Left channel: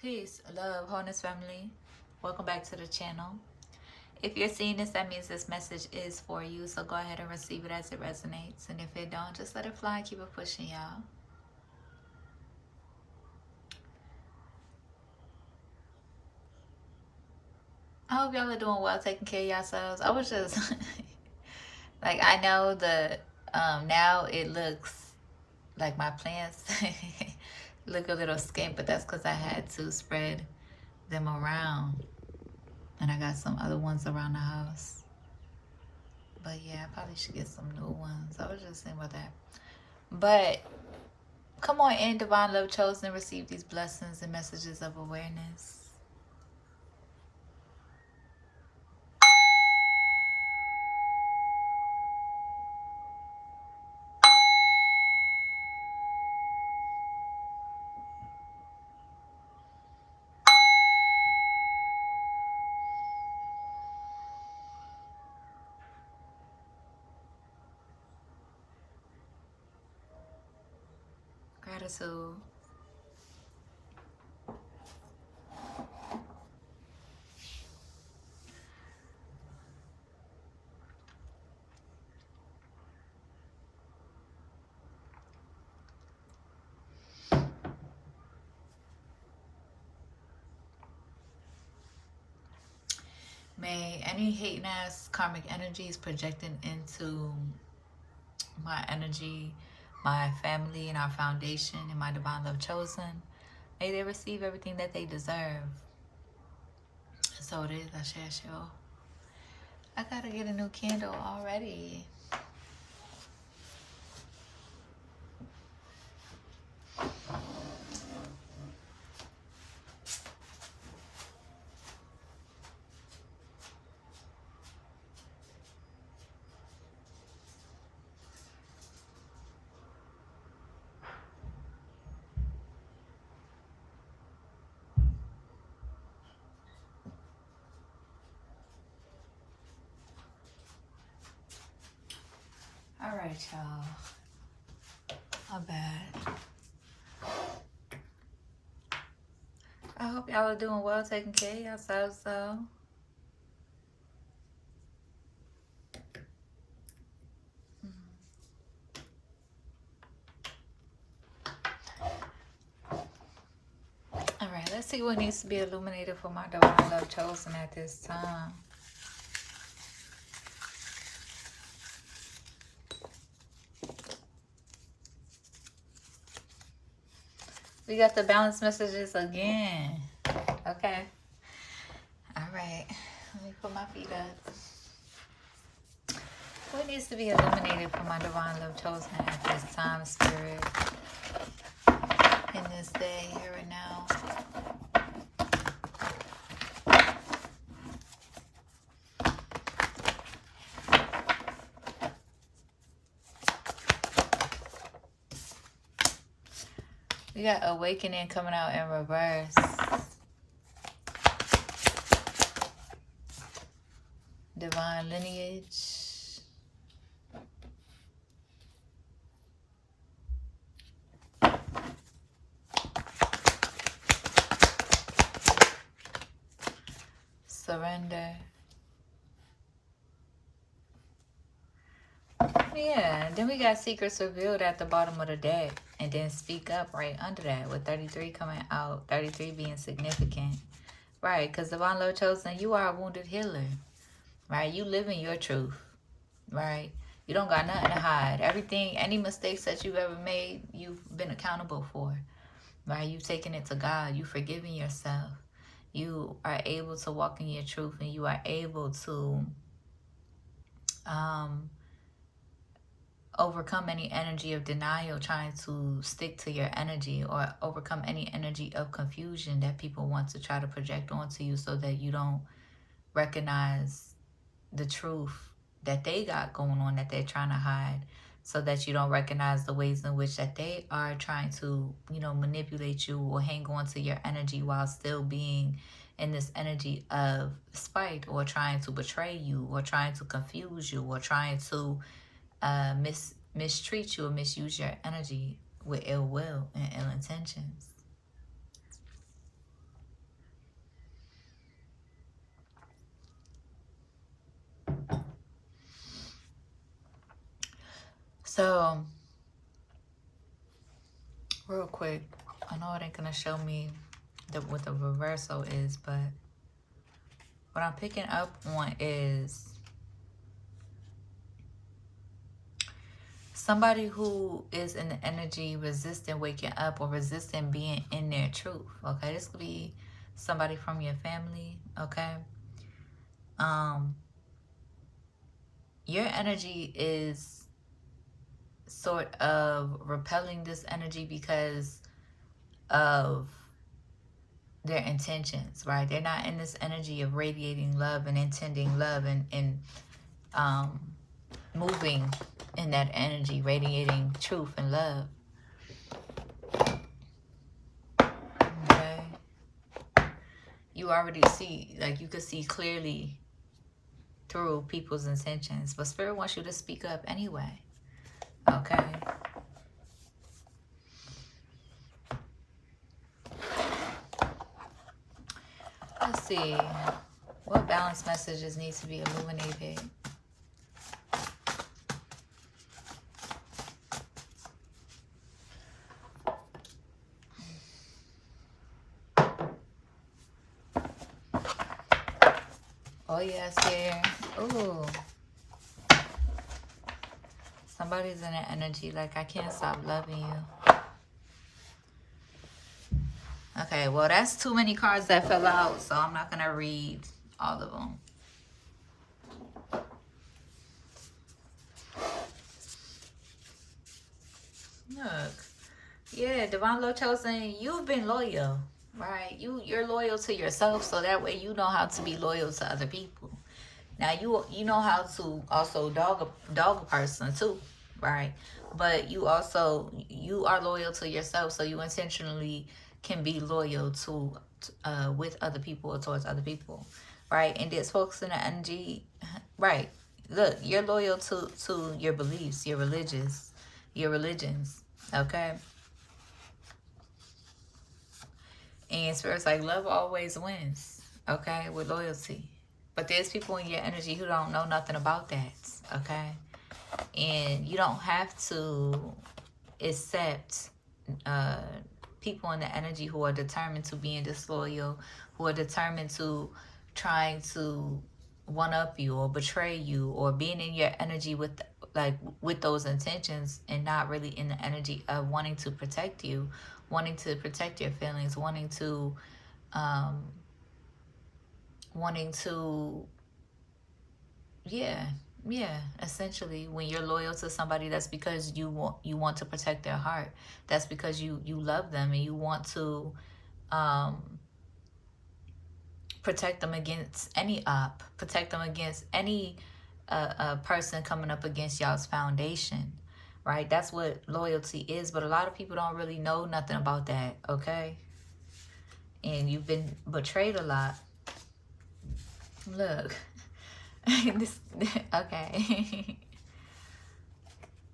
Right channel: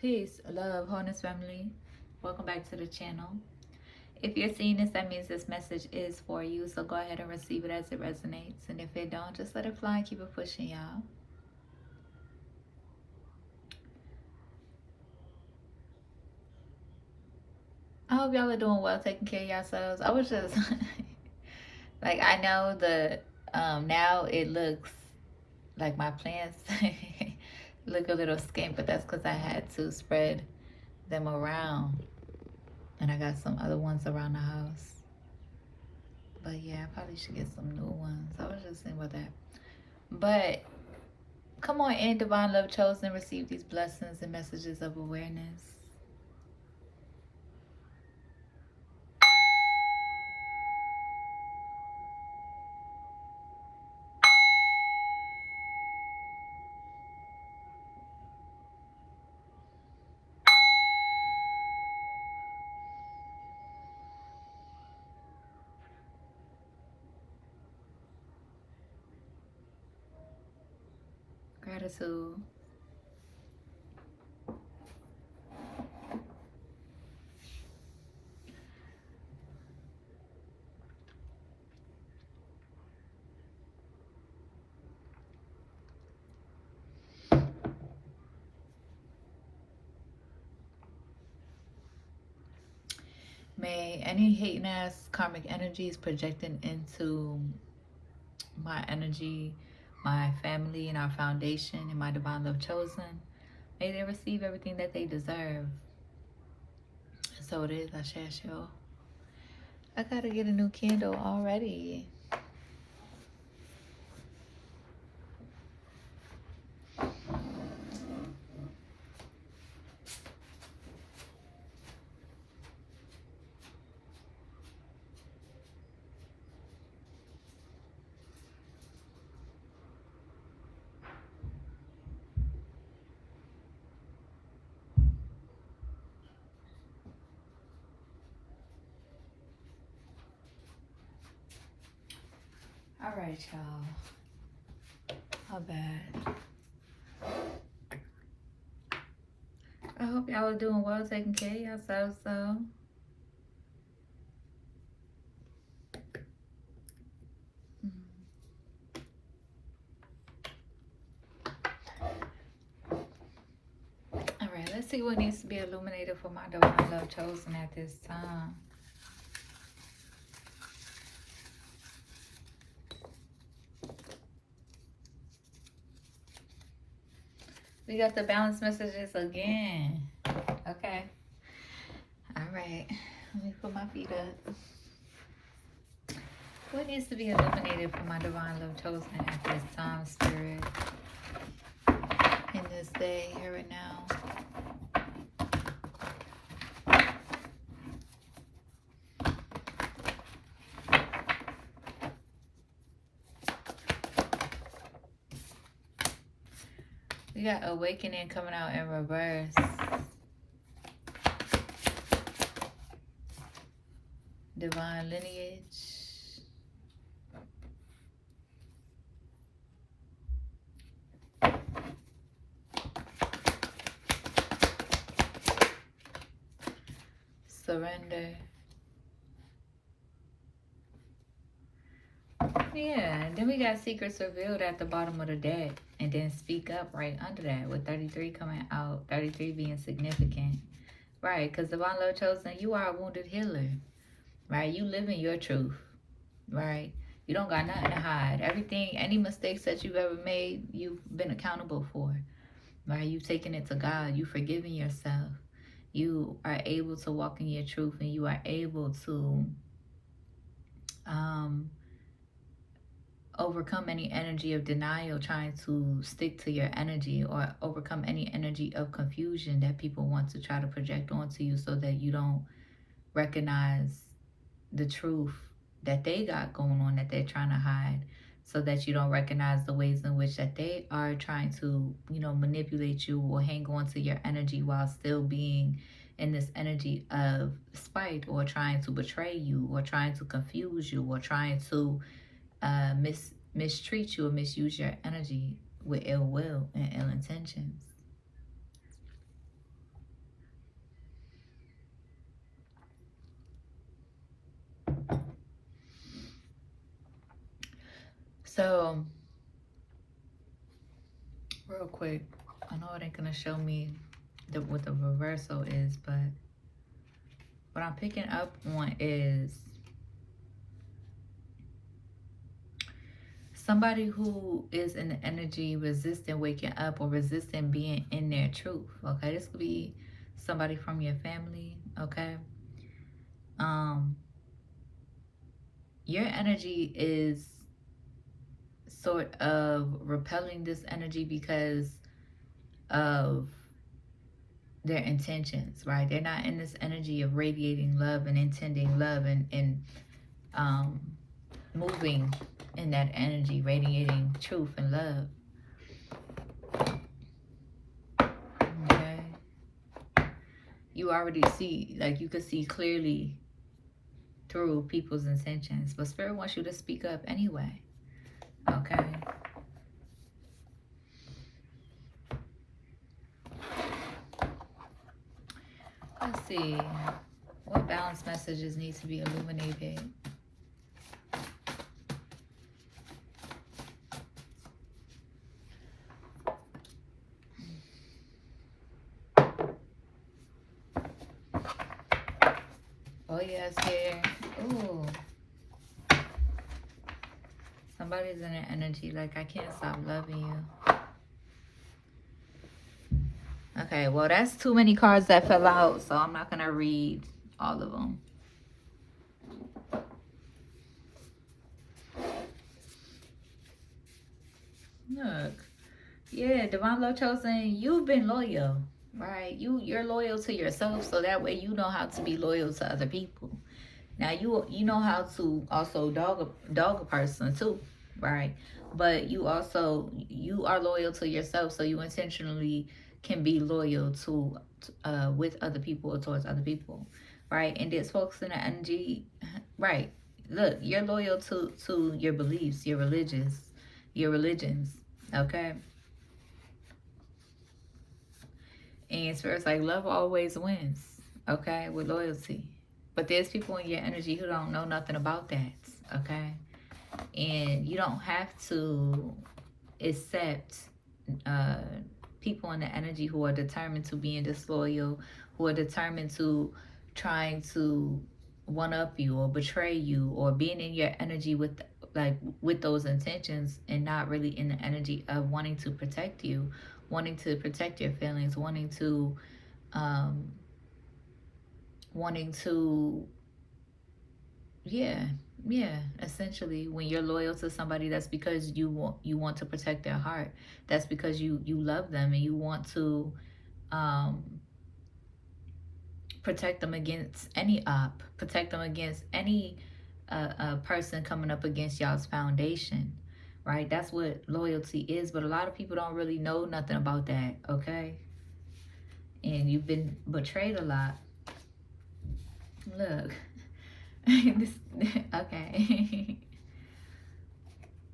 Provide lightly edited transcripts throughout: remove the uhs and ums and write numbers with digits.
Peace, love, wholeness, family. Welcome back to the channel. If you're seeing this, that means this message is for you. So go ahead and receive it as it resonates. And if it don't, just let it fly and keep it pushing, y'all. I hope y'all are doing well, taking care of yourselves. I was just like, I know the now it looks like my plants look a little skint, but that's because I had to spread them around. And I got some other ones around the house. But yeah, I probably should get some new ones. I was just thinking about that. But come on in, Divine Love Chosen, receive these blessings and messages of awareness. Gratitude. May any hating ass karmic energies projecting into my energy, my family, and our foundation, and my divine love chosen, may they receive everything that they deserve. So it is. I shall. I gotta get a new candle already. All right, y'all. How bad? I hope y'all are doing well, taking care of yourselves, though. All right, let's see what needs to be illuminated for my divine love chosen at this time. We got the balance messages again. Okay. All right. Let me put my feet up. What needs to be illuminated for my divine love chosen at this time, Spirit? In this day, here and now. We got awakening coming out in reverse. Divine lineage. Surrender. Yeah, then we got secrets revealed at the bottom of the deck. And then speak up right under that with 33 coming out. 33 being significant. Right, because divine love chosen, you are a wounded healer. Right, you live in your truth. Right, you don't got nothing to hide. Everything, any mistakes that you've ever made, you've been accountable for. Right, you've taken it to God. You've forgiven yourself. You are able to walk in your truth, and you are able to overcome any energy of denial trying to stick to your energy, or overcome any energy of confusion that people want to try to project onto you so that you don't recognize the truth that they got going on, that they're trying to hide, so that you don't recognize the ways in which that they are trying to, manipulate you or hang on to your energy while still being in this energy of spite, or trying to betray you, or trying to confuse you, or trying to mistreat you or misuse your energy with ill will and ill intentions. So, real quick, I know it ain't gonna show me what the reversal is, but what I'm picking up on is somebody who is in the energy resisting waking up or resisting being in their truth. Okay, this could be somebody from your family. Okay, your energy is sort of repelling this energy because of their intentions, right? They're not in this energy of radiating love and intending love and moving in that energy, radiating truth and love. Okay. You already see, like you could see clearly through people's intentions, but Spirit wants you to speak up anyway. Okay. Let's see. What balance messages need to be illuminated? Oh yes, here. Ooh. Somebody's in an energy like, I can't stop loving you. Okay, well, that's too many cards that fell out, so I'm not going to read all of them. Look. Yeah, Divine Love Chosen, you've been loyal, right? You're loyal to yourself, so that way you know how to be loyal to other people. Now, you know how to also dog a person, too, right? But you are loyal to yourself, so you intentionally can be loyal to with other people or towards other people, right? And this focus in the energy, right? Look, you're loyal to your beliefs, your religions, okay? And Spirit's like, love always wins, okay, with loyalty. But there's people in your energy who don't know nothing about that, okay? And you don't have to accept people in the energy who are determined to being disloyal, who are determined to trying to one up you or betray you, or being in your energy with those intentions and not really in the energy of wanting to protect you, wanting to protect your feelings, wanting to yeah, essentially, when you're loyal to somebody, that's because you want to protect their heart. That's because you love them and you want to protect them against any protect them against any person coming up against y'all's foundation, right? That's what loyalty is, but a lot of people don't really know nothing about that, okay? And you've been betrayed a lot. Look. This, okay.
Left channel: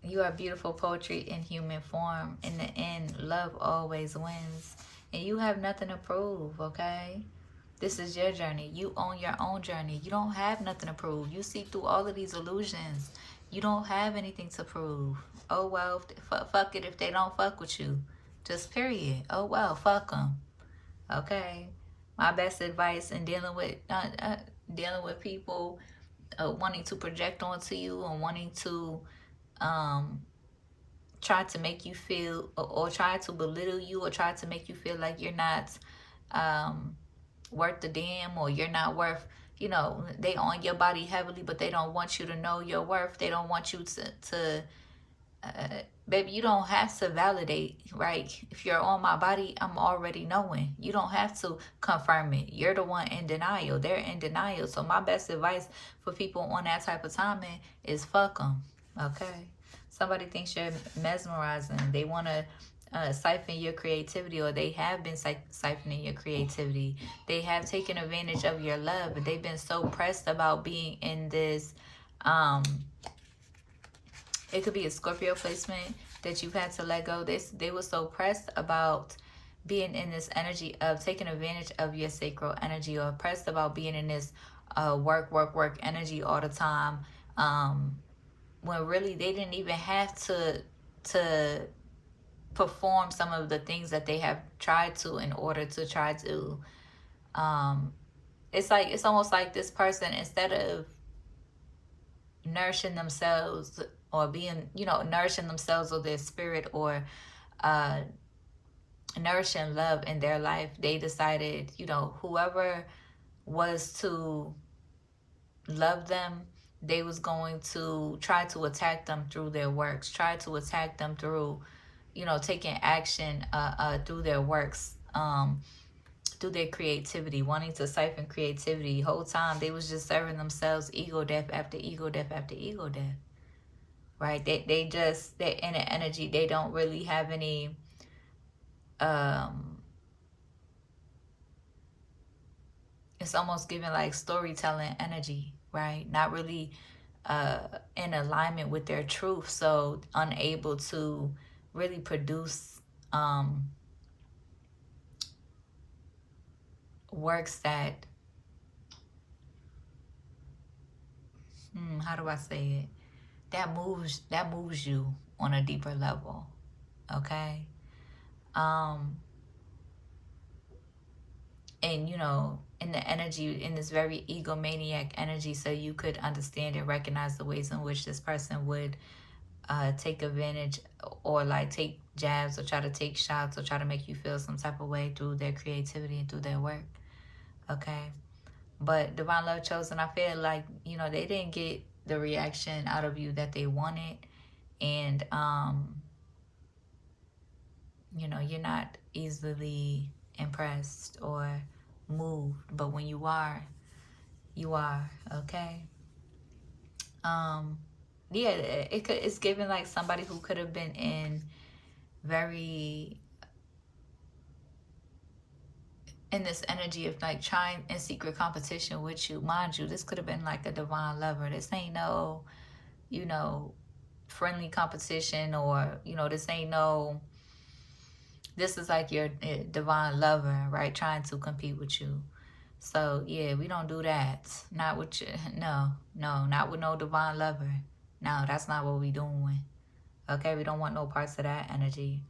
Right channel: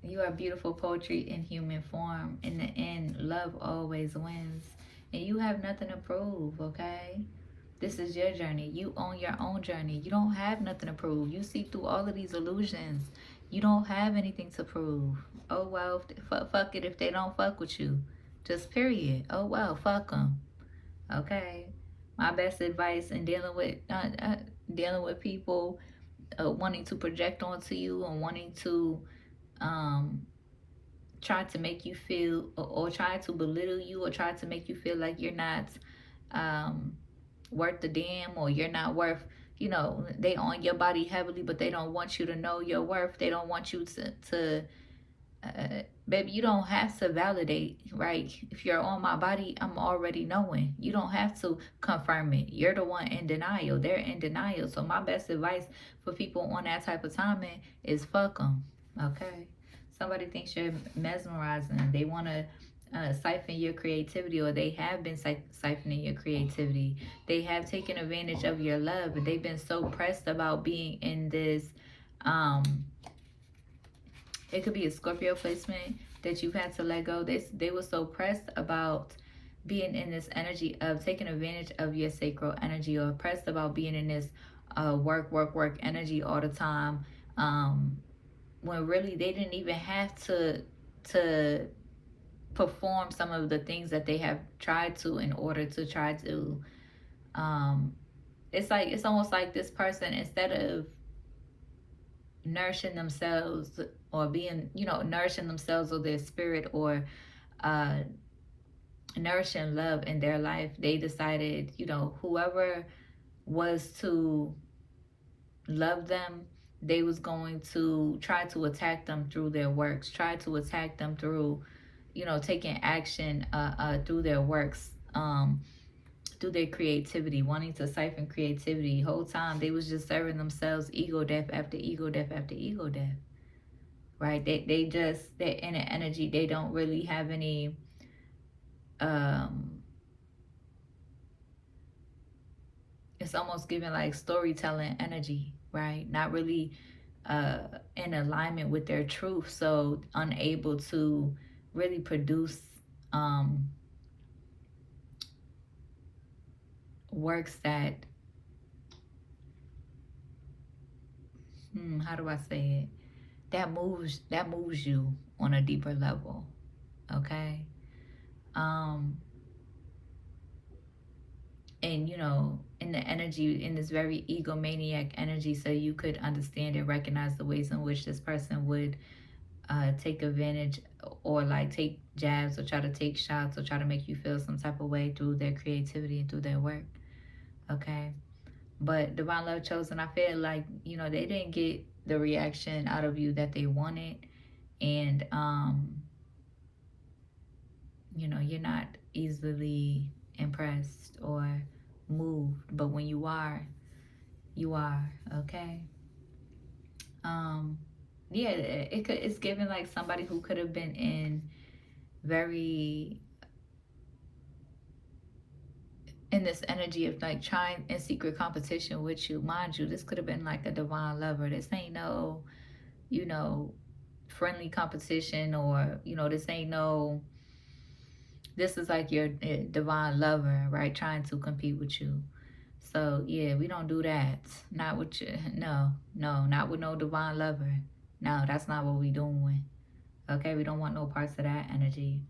You are beautiful poetry in human form. In the end, love always wins. And you have nothing to prove, okay? This is your journey. You own your own journey. You don't have nothing to prove. You see through all of these illusions. You don't have anything to prove. Oh, well, fuck it if they don't fuck with you. Just period. Oh, well, fuck them. Okay? My best advice in dealing with people wanting to project onto you and wanting to try to make you feel or try to belittle you or try to make you feel like you're not worth the damn, or you're not worth, they on your body heavily, but they don't want you to know your worth. They don't want you to baby, you don't have to validate, right? If you're on my body, I'm already knowing. You don't have to confirm it. You're the one in denial. They're in denial. So my best advice for people on that type of timing is fuck them, okay? Somebody thinks you're mesmerizing. They want to siphon your creativity, or they have been siphoning your creativity. They have taken advantage of your love, but they've been so pressed about being in this it could be a Scorpio placement that you've had to let go. They were so pressed about being in this energy of taking advantage of your sacral energy, or pressed about being in this work energy all the time, when really they didn't even have to perform some of the things that they have tried to in order to try to it's like, it's almost like this person, instead of nourishing themselves or being, nourishing themselves or their spirit, or uh nourishing love in their life, they decided, whoever was to love them, they was going to try to attack them through their works, try to attack them through, taking action through their works, through their creativity, wanting to siphon creativity. Whole time they was just serving themselves ego death after ego death after ego death. Right? They just, they're in an energy, they don't really have any it's almost giving like storytelling energy, right? Not really in alignment with their truth, so unable to really produce works that how do I say it, that moves you on a deeper level. Okay. And in the energy, in this very egomaniac energy, so you could understand and recognize the ways in which this person would take advantage, or like take jabs, or try to take shots, or try to make you feel some type of way through their creativity and through their work. Okay. But Divine Love Chosen, I feel like, they didn't get the reaction out of you that they wanted. And, you're not easily impressed or moved. But when you are, okay? Yeah, it's given like somebody who could have been in this energy of like trying in secret competition with you. Mind you, this could have been like a divine lover. This ain't no, friendly competition, or, this is like your divine lover, right? Trying to compete with you. So yeah, we don't do that. Not with you. No, not with no divine lover. No, that's not what we doing. Okay, we don't want no parts of that energy.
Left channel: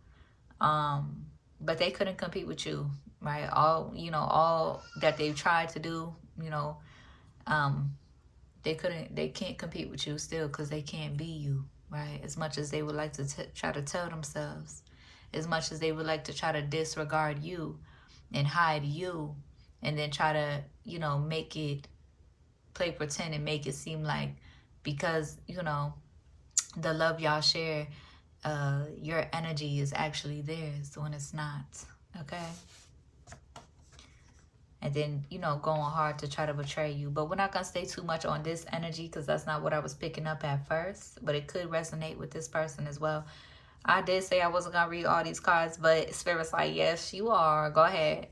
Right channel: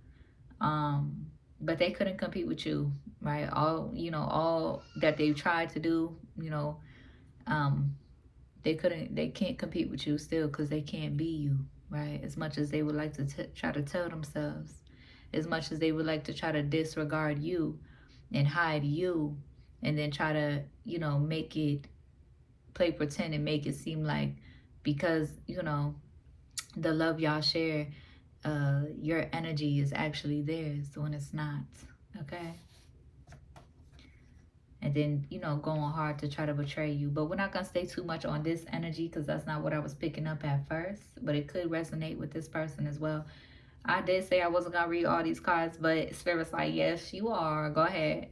But they couldn't compete with you, right? All that they've tried to do, they can't compete with you still, because they can't be you, right? As much as they would like to try to tell themselves, as much as they would like to try to disregard you and hide you, and then try to, make it, play pretend and make it seem like, because, the love y'all share, your energy is actually theirs when it's not. Okay. And then, going hard to try to betray you. But we're not going to stay too much on this energy, because that's not what I was picking up at first. But it could resonate with this person as well. I did say I wasn't going to read all these cards, but Spirit's like, yes, you are. Go ahead.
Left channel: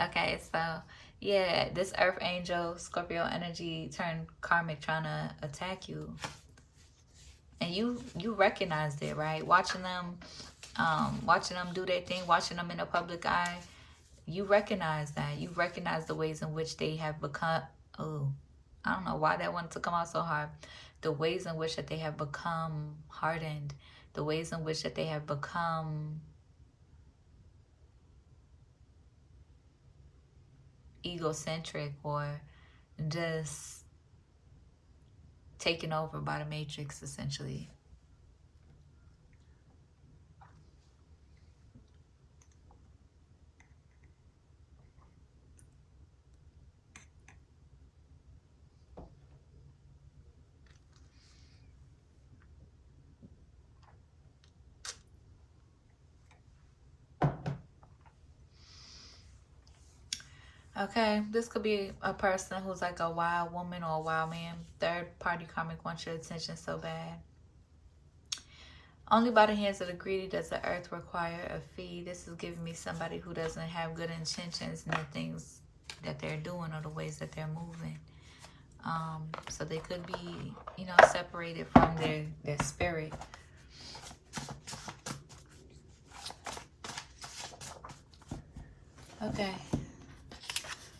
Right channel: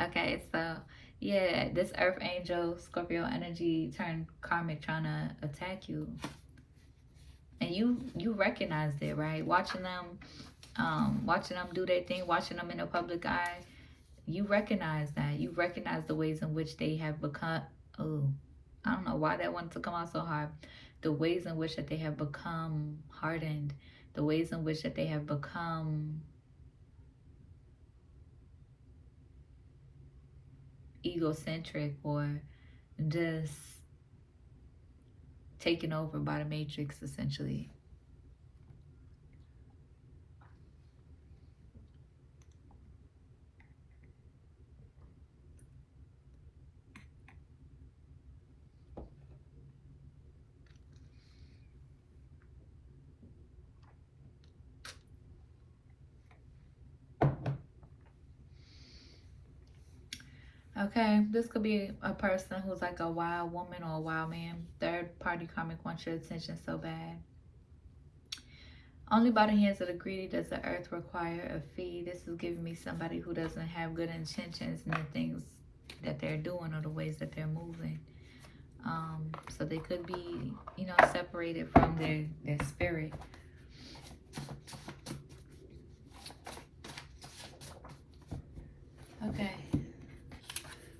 Okay, so yeah, this Earth Angel, Scorpio energy turned karmic, trying to attack you. And you recognized it, right? Watching them do their thing, watching them in the public eye. You recognize that. You recognize the ways in which they have become, I don't know why that wanted to come out so hard. The ways in which that they have become hardened. The ways in which that they have become egocentric, or just taken over by the Matrix, essentially. Okay, this could be a person who's like a wild woman or a wild man. Third party karmic wants your attention so bad. Only by the hands of the greedy does the earth require a fee. This is giving me somebody who doesn't have good intentions in the things that they're doing or the ways that they're moving. So they could be, separated from their spirit. Okay.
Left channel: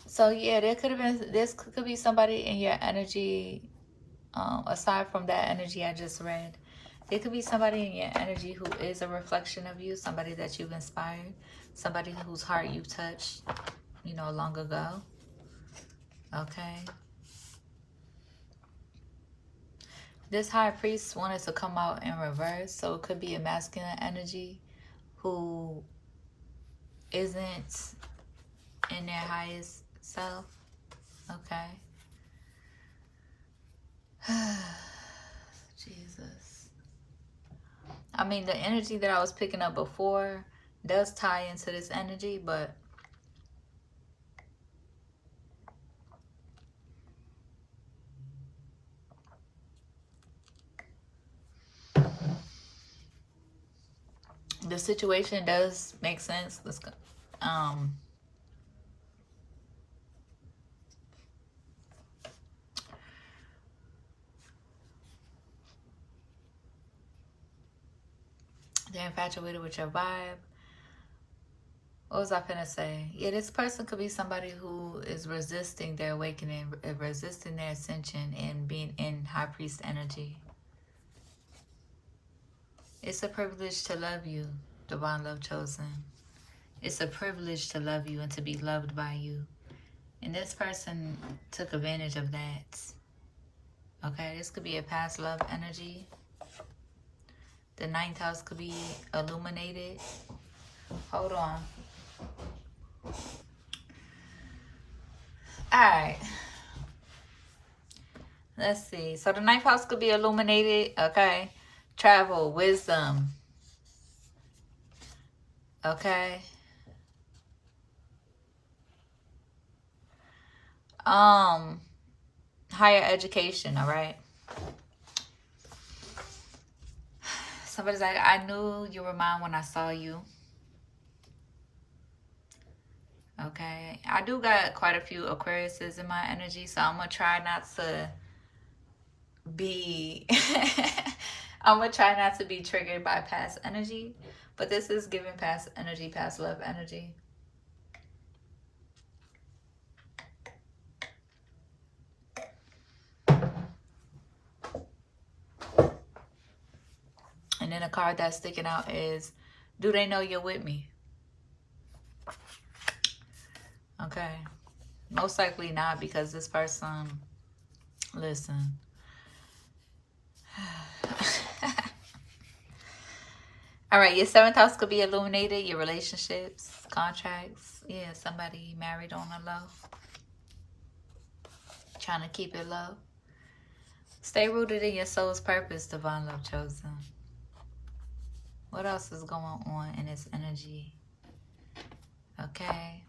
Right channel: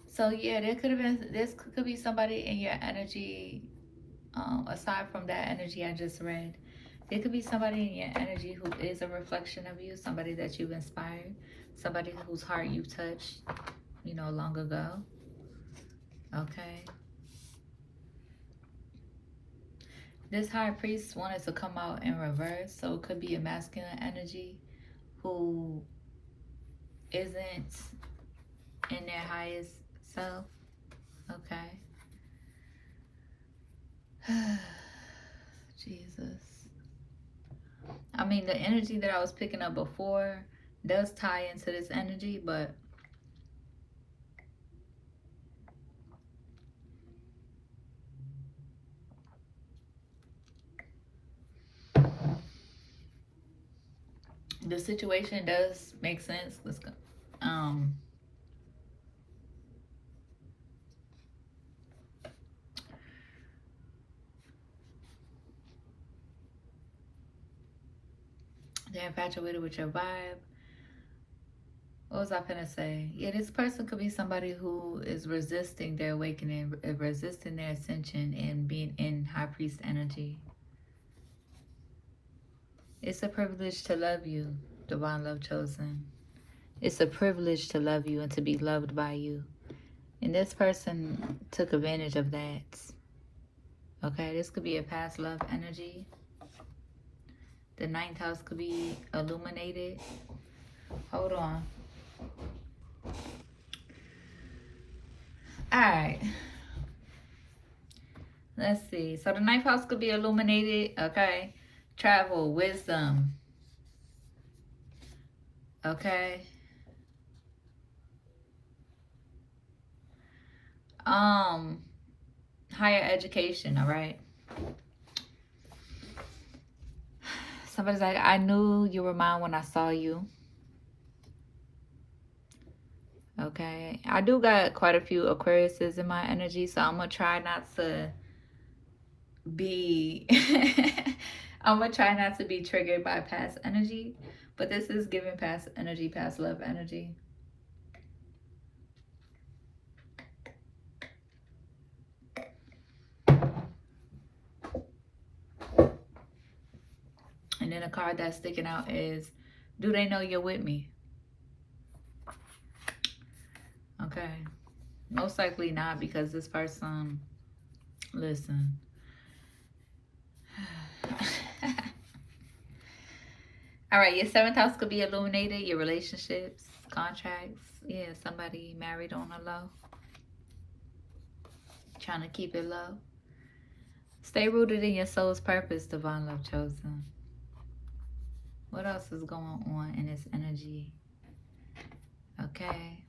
So yeah, this could be somebody in your energy aside from that energy I just read, there could be somebody in your energy who is a reflection of you, somebody that you've inspired, somebody whose heart you've touched, you know, long ago. Okay. This high priest wanted to come out in reverse, so it could be a masculine energy who isn't in their highest self. Okay. Jesus. I mean, the energy that I was picking up before does tie into this energy, but the situation does make sense. Let's go. They're infatuated with your vibe. What was I gonna say? Yeah, this person could be somebody who is resisting their awakening, resisting their ascension, and being in high priest energy. It's a privilege to love you, divine love chosen. It's a privilege to love you and to be loved by you. And this person took advantage of that. Okay, this could be a past love energy. The 9th house could be illuminated. Hold on. Alright. Let's see. So the 9th house could be illuminated. Okay. Travel, wisdom. Okay. Higher education, all right? Somebody's like, I knew you were mine when I saw you. Okay. I do got quite a few Aquariuses in my energy, so I'm going to try not to be... I'm going to try not to be triggered by past energy. But this is giving past energy, past love energy. And then a card that's sticking out is, do they know you're with me? Okay. Most likely not, because this person, listen. All right, your 7th house could be illuminated, your relationships, contracts. Yeah, somebody married on the low. Trying to keep it low. Stay rooted in your soul's purpose, divine love chosen. What else is going on in this energy? Okay.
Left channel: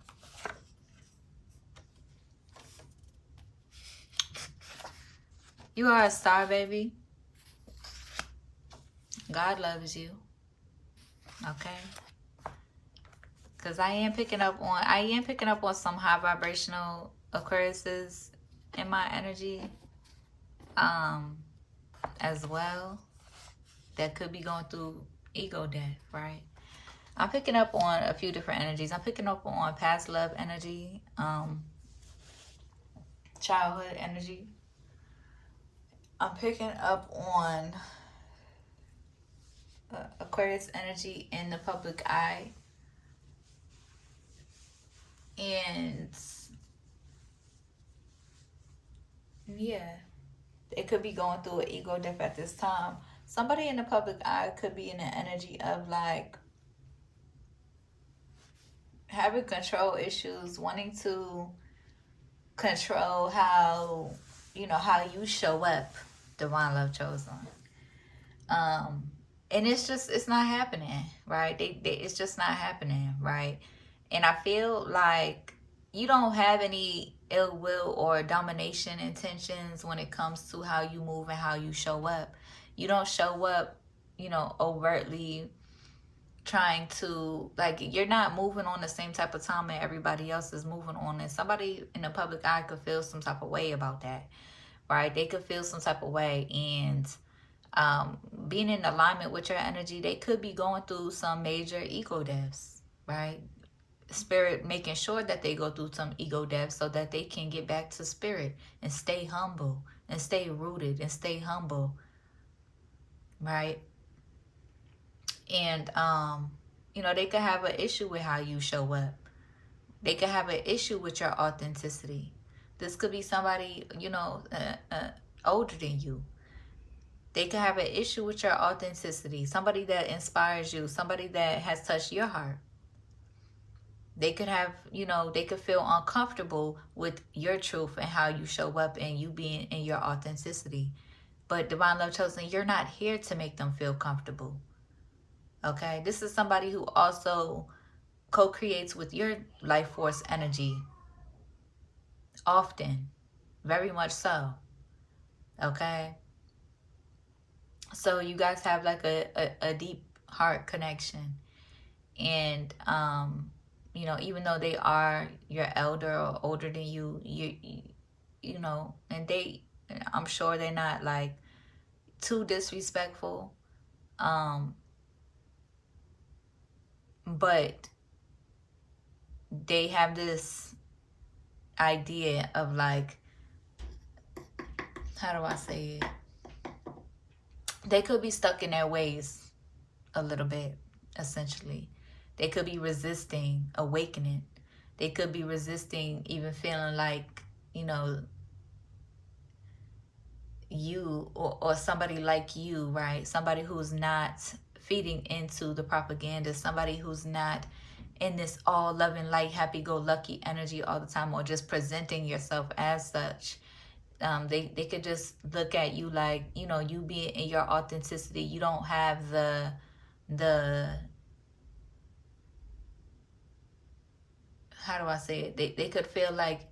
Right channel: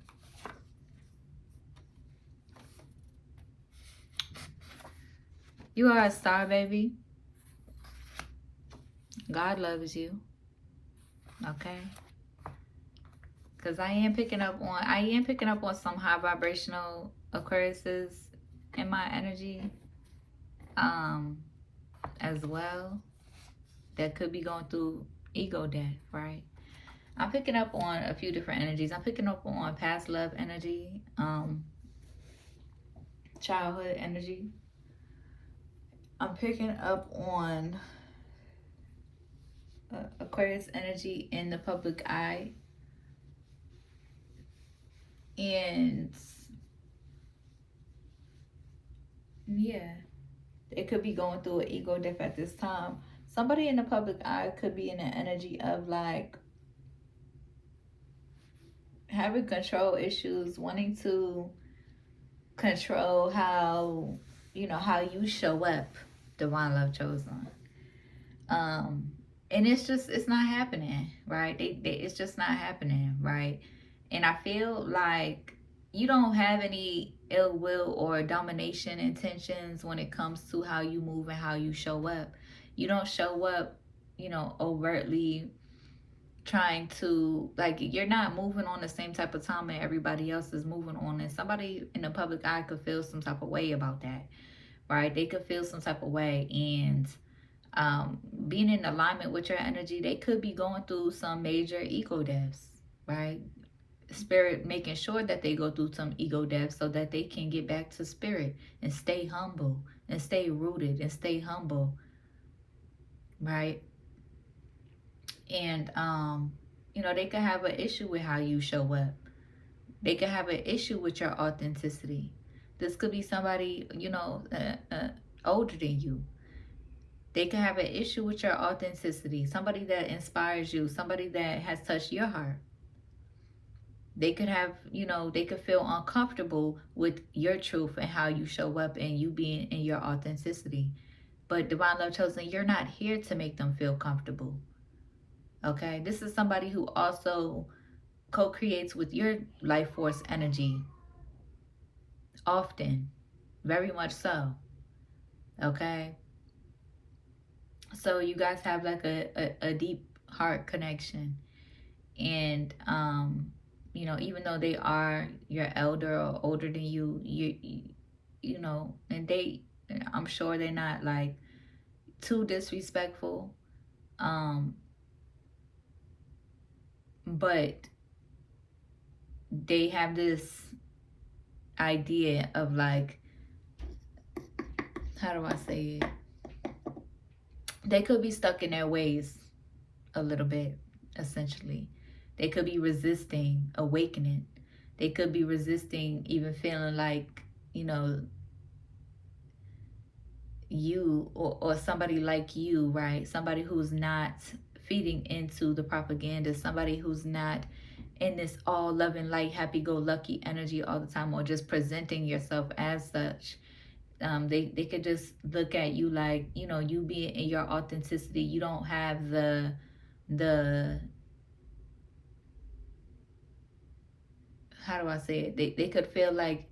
You are a star, baby. God loves you. Okay. Because I am picking up on some high vibrational Aquariuses in my energy. As well. That could be going through ego death, right? I'm picking up on a few different energies. I'm picking up on past love energy, childhood energy. I'm picking up on Aquarius energy in the public eye. And yeah, it could be going through an ego death at this time. Somebody in the public eye could be in an energy of like having control issues, wanting to control how, you know, how you show up, divine love chosen. And it's not happening, right? It's just not happening, right? And I feel like you don't have any ill will or domination intentions when it comes to how you move and how you show up. You don't show up, you know, overtly trying to, like, you're not moving on the same type of time that everybody else is moving on. And somebody in the public eye could feel some type of way about that, right? They could feel some type of way. And being in alignment with your energy, they could be going through some major ego deaths, right? Spirit making sure that they go through some ego death so that they can get back to spirit and stay humble and stay rooted and stay humble, right? And you know, they could have an issue with how you show up. They could have an issue with your authenticity. This could be somebody, you know, older than you. They could have an issue with your authenticity. Somebody that inspires you, somebody that has touched your heart. They could have, you know, they could feel uncomfortable with your truth and how you show up and you being in your authenticity. But Divine Love Chosen, you're not here to make them feel comfortable. Okay? This is somebody who also co-creates with your life force energy often, very much so. Okay? So you guys have like a deep heart connection. And you know, even though they are your elder or older than you, you know, and I'm sure they're not like too disrespectful, but they have this idea of like, how do I say it? They could be stuck in their ways a little bit, essentially. They could be resisting awakening. They could be resisting even feeling like, you know, you or somebody like you, right? Somebody who's not feeding into the propaganda, somebody who's not in this all loving, light, happy-go-lucky energy all the time, or just presenting yourself as such. They could just look at you like, you know, you being in your authenticity. You don't have the how do I say it? They could feel like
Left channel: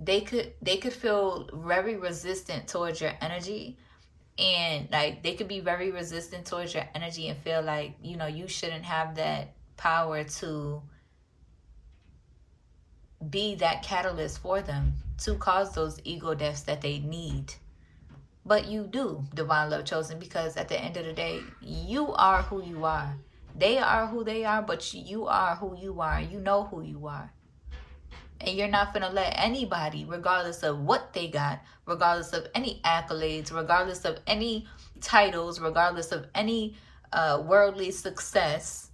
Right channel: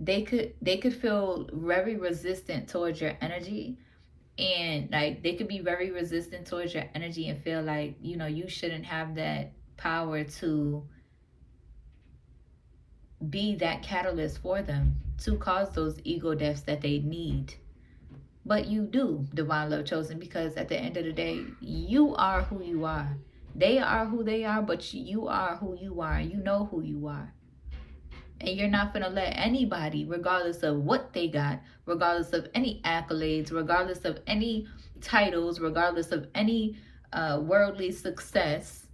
they could feel very resistant towards your energy, and like they could be very resistant towards your energy and feel like, you know, you shouldn't have that power to be that catalyst for them to cause those ego deaths that they need. But you do, Divine Love Chosen, because at the end of the day, you are who you are. They are who they are, but you are who you are. You know who you are. And you're not going to let anybody, regardless of what they got, regardless of any accolades, regardless of any titles, regardless of any worldly success,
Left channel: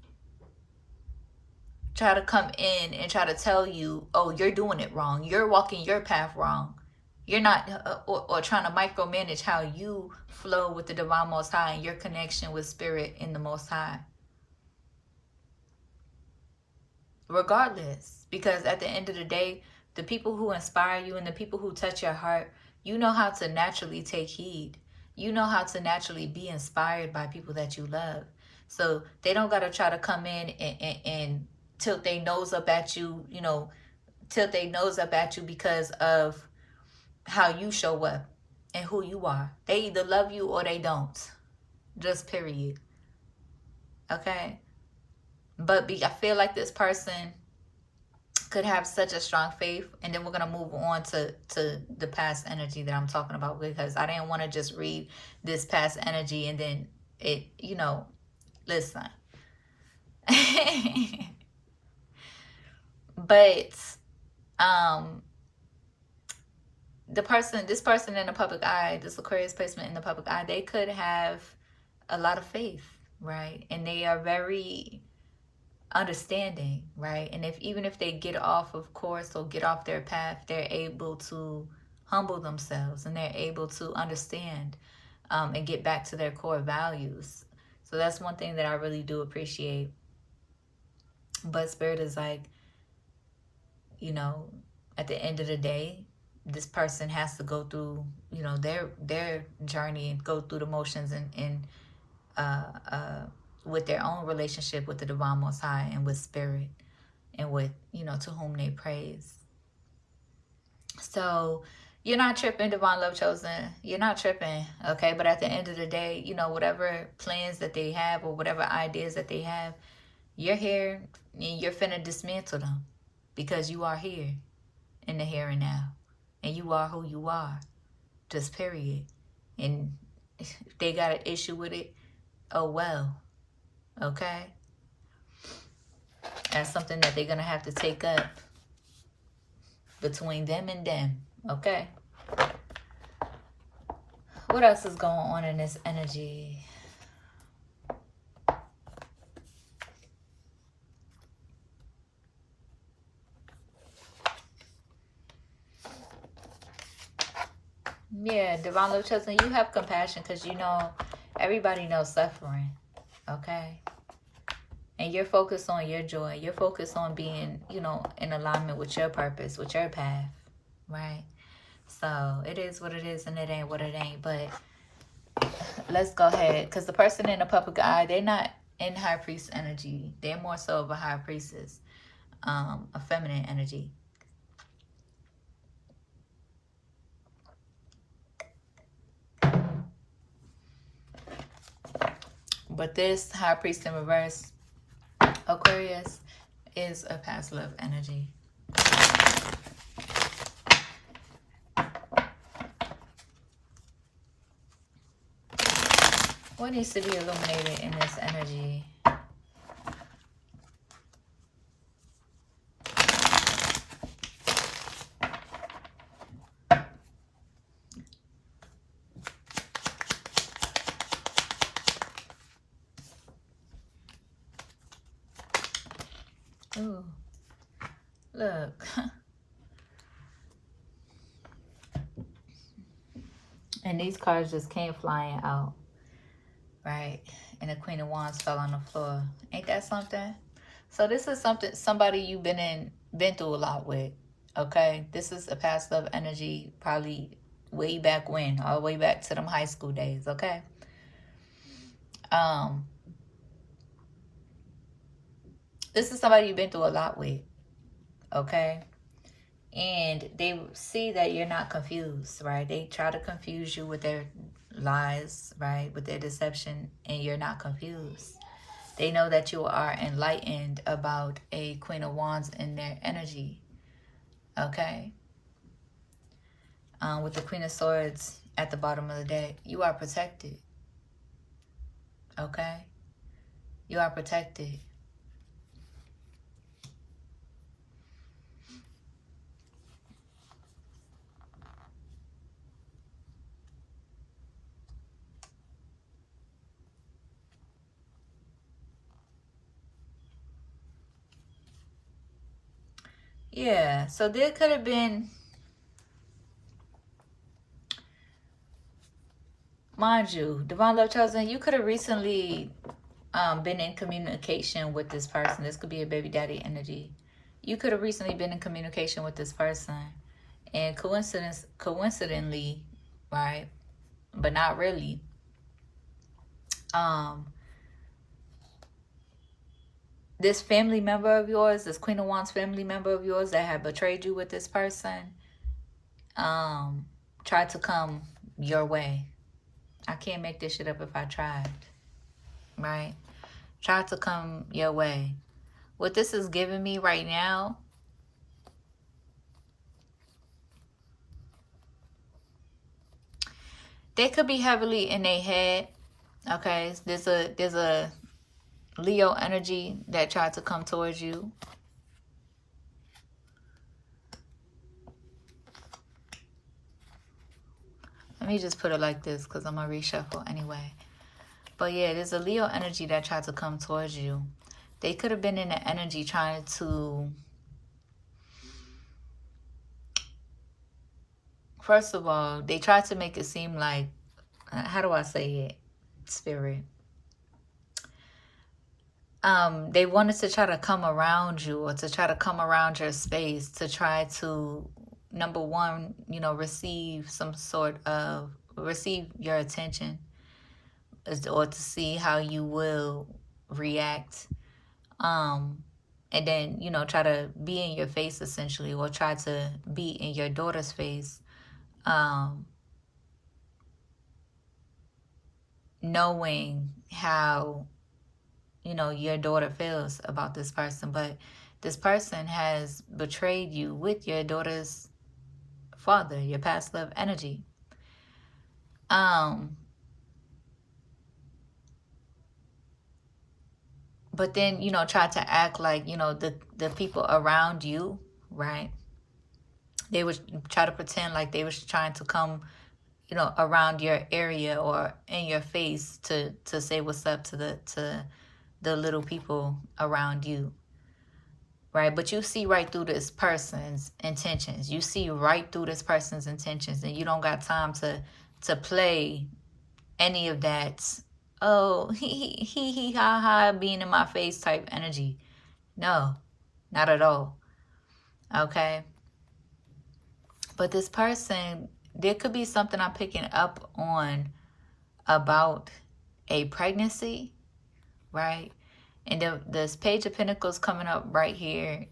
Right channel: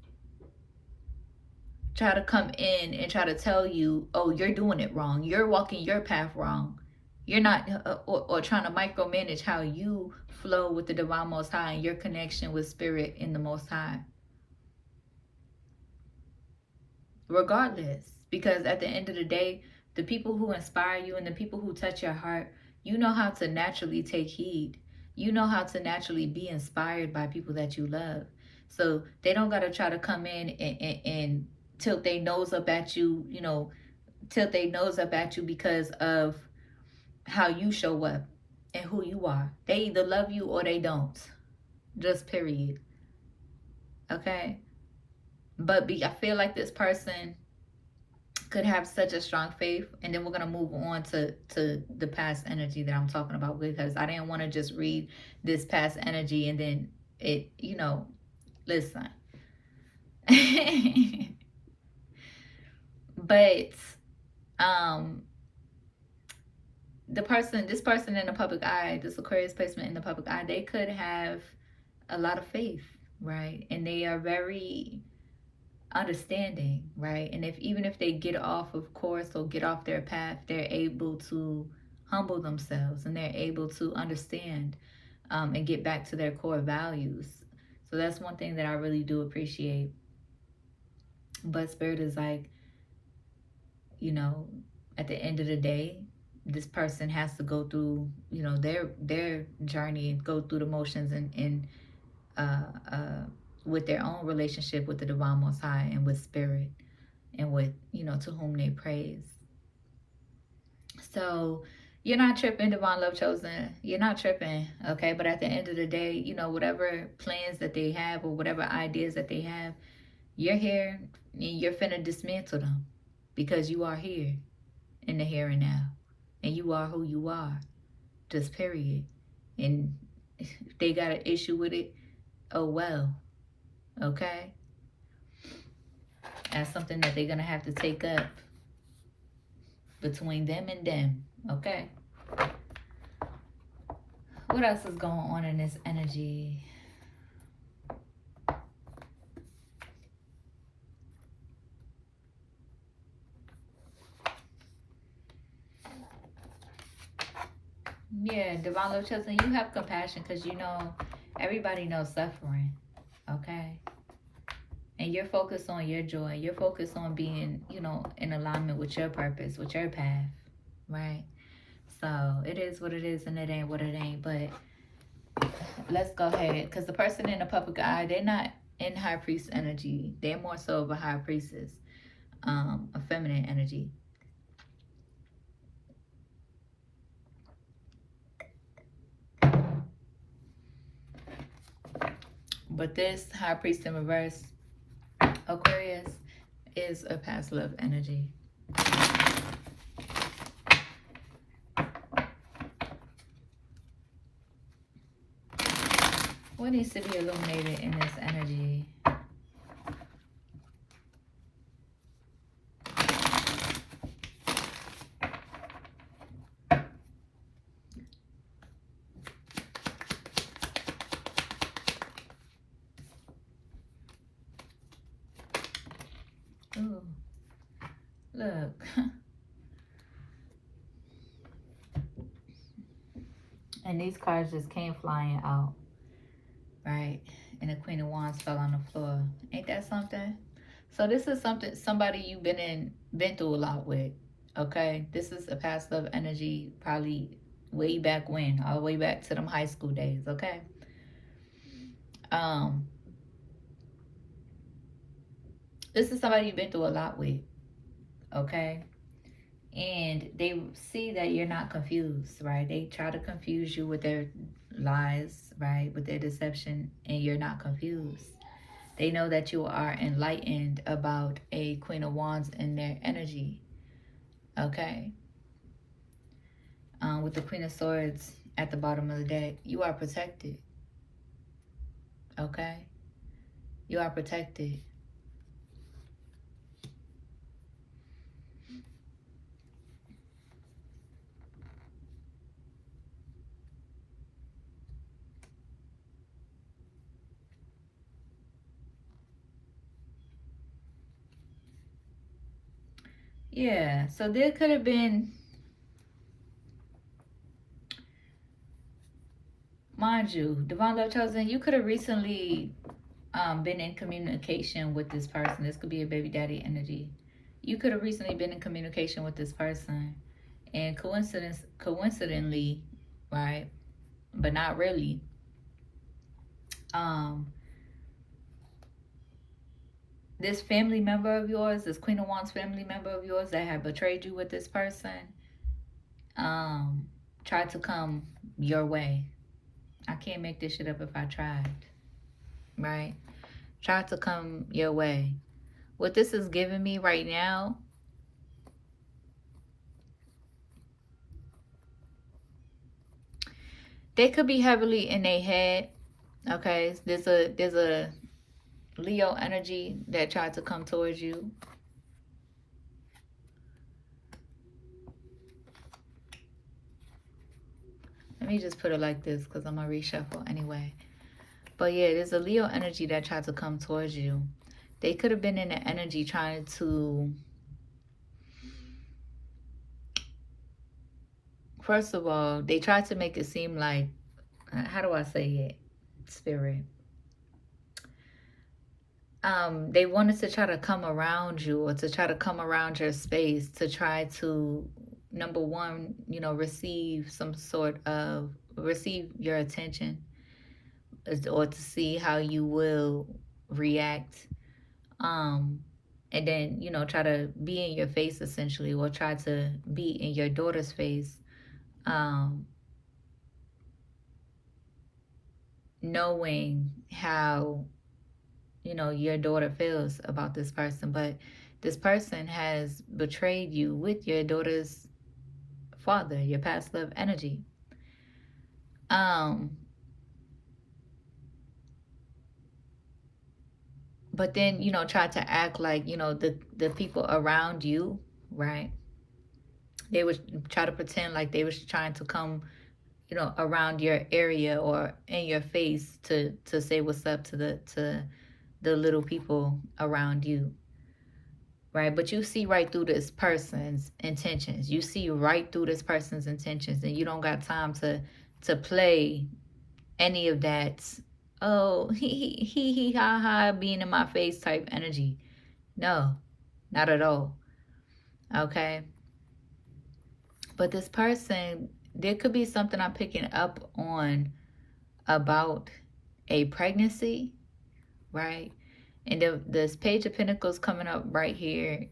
try to come in and try to tell you, oh, you're doing it wrong. You're walking your path wrong. You're not, or trying to micromanage how you flow with the Divine Most High and your connection with Spirit in the Most High. Regardless, because at the end of the day, the people who inspire you and the people who touch your heart, you know how to naturally take heed. You know how to naturally be inspired by people that you love. So they don't got to try to come in and tilt their nose up at you, you know, tilt their nose up at you because of how you show up and who you are. They either love you or they don't. Just period. Okay? But I feel like this person could have such a strong faith, and then we're going to move on to the past energy that I'm talking about, because I didn't want to just read this past energy and then it, you know, listen. But this person in the public eye, this Aquarius placement in the public eye, they could have a lot of faith, right? And they are very understanding, right? And even if they get off of course or get off their path, they're able to humble themselves and they're able to understand and get back to their core values. So that's one thing that I really do appreciate. But Spirit is like, you know, at the end of the day, this person has to go through, you know, their journey and go through the motions and with their own relationship with the Divine Most High and with Spirit and with, you know, to whom they praise. So you're not tripping, Divine Love Chosen. You're not tripping, okay? But at the end of the day, you know, whatever plans that they have or whatever ideas that they have, you're here and you're finna dismantle them because you are here in the here and now. And you are who you are, just period. And if they got an issue with it, oh well, okay? as something that they're going to have to take up between them and them. Okay. What else is going on in this energy? Yeah, Divine Love Chosen, you have compassion because you know everybody knows suffering. Okay. And you're focused on your joy. You're focused on being, you know, in alignment with your purpose, with your path. Right? So it is what it is and it ain't what it ain't. But let's go ahead. Because the person in the public eye, they're not in high priest energy. They're more so of a high priestess, a feminine energy. But this high priest in reverse, Aquarius, is a past love energy. What needs to be illuminated in this energy? Ooh, look. And these cards just came flying out, right? And the Queen of Wands fell on the floor. Ain't that something? So this is somebody you've been through a lot with, okay? This is a past love energy, probably way back when, all the way back to them high school days, okay? This is somebody you've been through a lot with, okay? And they see that you're not confused, right? They try to confuse you with their lies, right? With their deception, and you're not confused. They know that you are enlightened about a Queen of Wands in their energy, okay? With the Queen of Swords at the bottom of the deck, you are protected, okay? You are protected. Yeah, so there could have been, mind you, Divine Love Chosen, you could have recently been in communication with this person. This could be a baby daddy energy. You could have recently been in communication with this person. And coincidentally, right, but not really, this family member of yours, this Queen of Wands family member of yours that had betrayed you with this person, tried to come your way. I can't make this shit up if I tried, right? Tried to come your way. What this is giving me right now, they could be heavily in their head, okay? There's a Leo energy that tried to come towards you. Let me just put it like this because I'm going to reshuffle anyway. But yeah, there's a Leo energy that tried to come towards you. They could have been in the energy trying to, first of all, they tried to make it seem like, how do I say it, Spirit? They wanted to try to come around you or to try to come around your space to try to, number one, you know, receive your attention, or to see how you will react. And then, you know, try to be in your face essentially, or try to be in your daughter's face, knowing how, you know, your daughter feels about this person. But this person has betrayed you with your daughter's father, your past love energy. But but then, you know, try to act like, you know, the people around you, right? They would try to pretend like they was trying to come, you know, around your area or in your face to say what's up to the little people around you, right? But you see right through this person's intentions. You see right through this person's intentions, and you don't got time to play any of that. Oh, he ha ha, being in my face type energy. No, not at all. Okay. But this person, there could be something I'm picking up on about a pregnancy, right? And this Page of Pentacles coming up right here,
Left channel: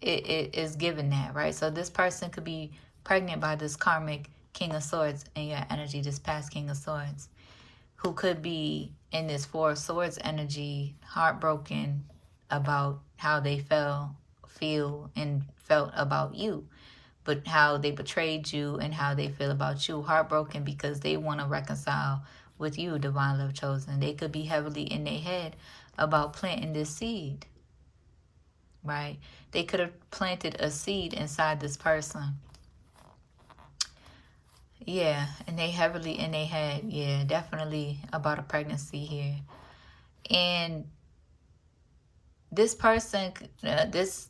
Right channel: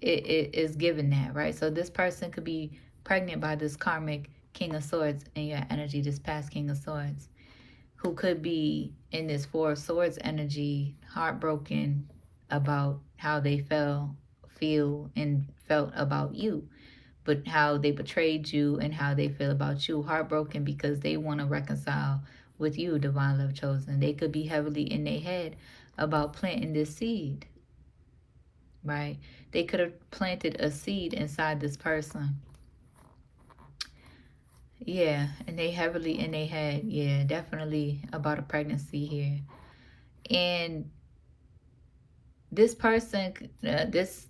it is given that, right? So this person could be pregnant by this karmic King of Swords in your energy, this past King of Swords, who could be in this Four of Swords energy, heartbroken about how they feel and felt about you, but how they betrayed you and how they feel about you. Heartbroken because they want to reconcile with you, Divine Love Chosen. They could be heavily in their head about planting this seed, right? They could have planted a seed inside this person. Yeah, and they heavily in their head. Yeah, definitely about a pregnancy here. And this person, this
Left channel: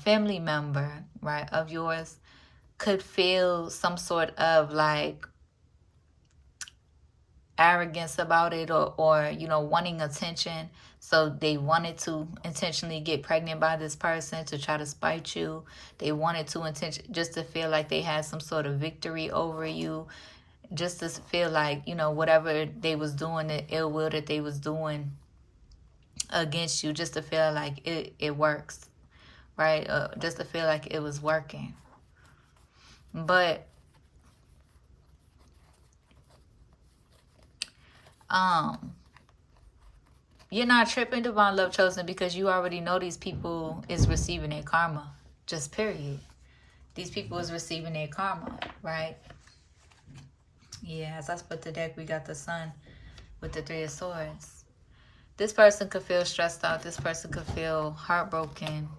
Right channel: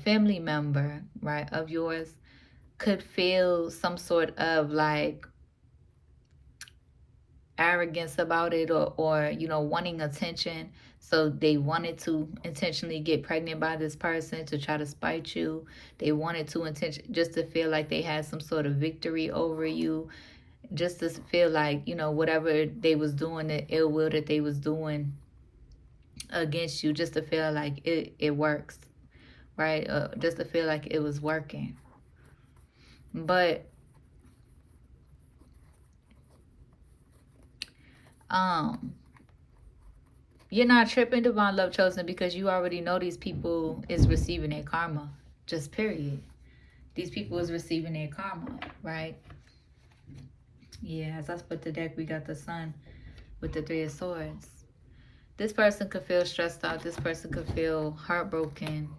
family member, right, of yours could feel some sort of like arrogance about it, or you know, wanting attention. So they wanted to intentionally get pregnant by this person to try to spite you. They wanted to just to feel like they had some sort of victory over you, just to feel like, you know, whatever they was doing, the ill will that they was doing against you, just to feel like it works, right? Just to feel like it was working. But you're not tripping, Divine Love Chosen, because you already know these people is receiving their karma. Just period. These people is receiving their karma, right? Yeah, as I split the deck, we got the Sun with the Three of Swords. This person could feel stressed out. This person could feel heartbroken.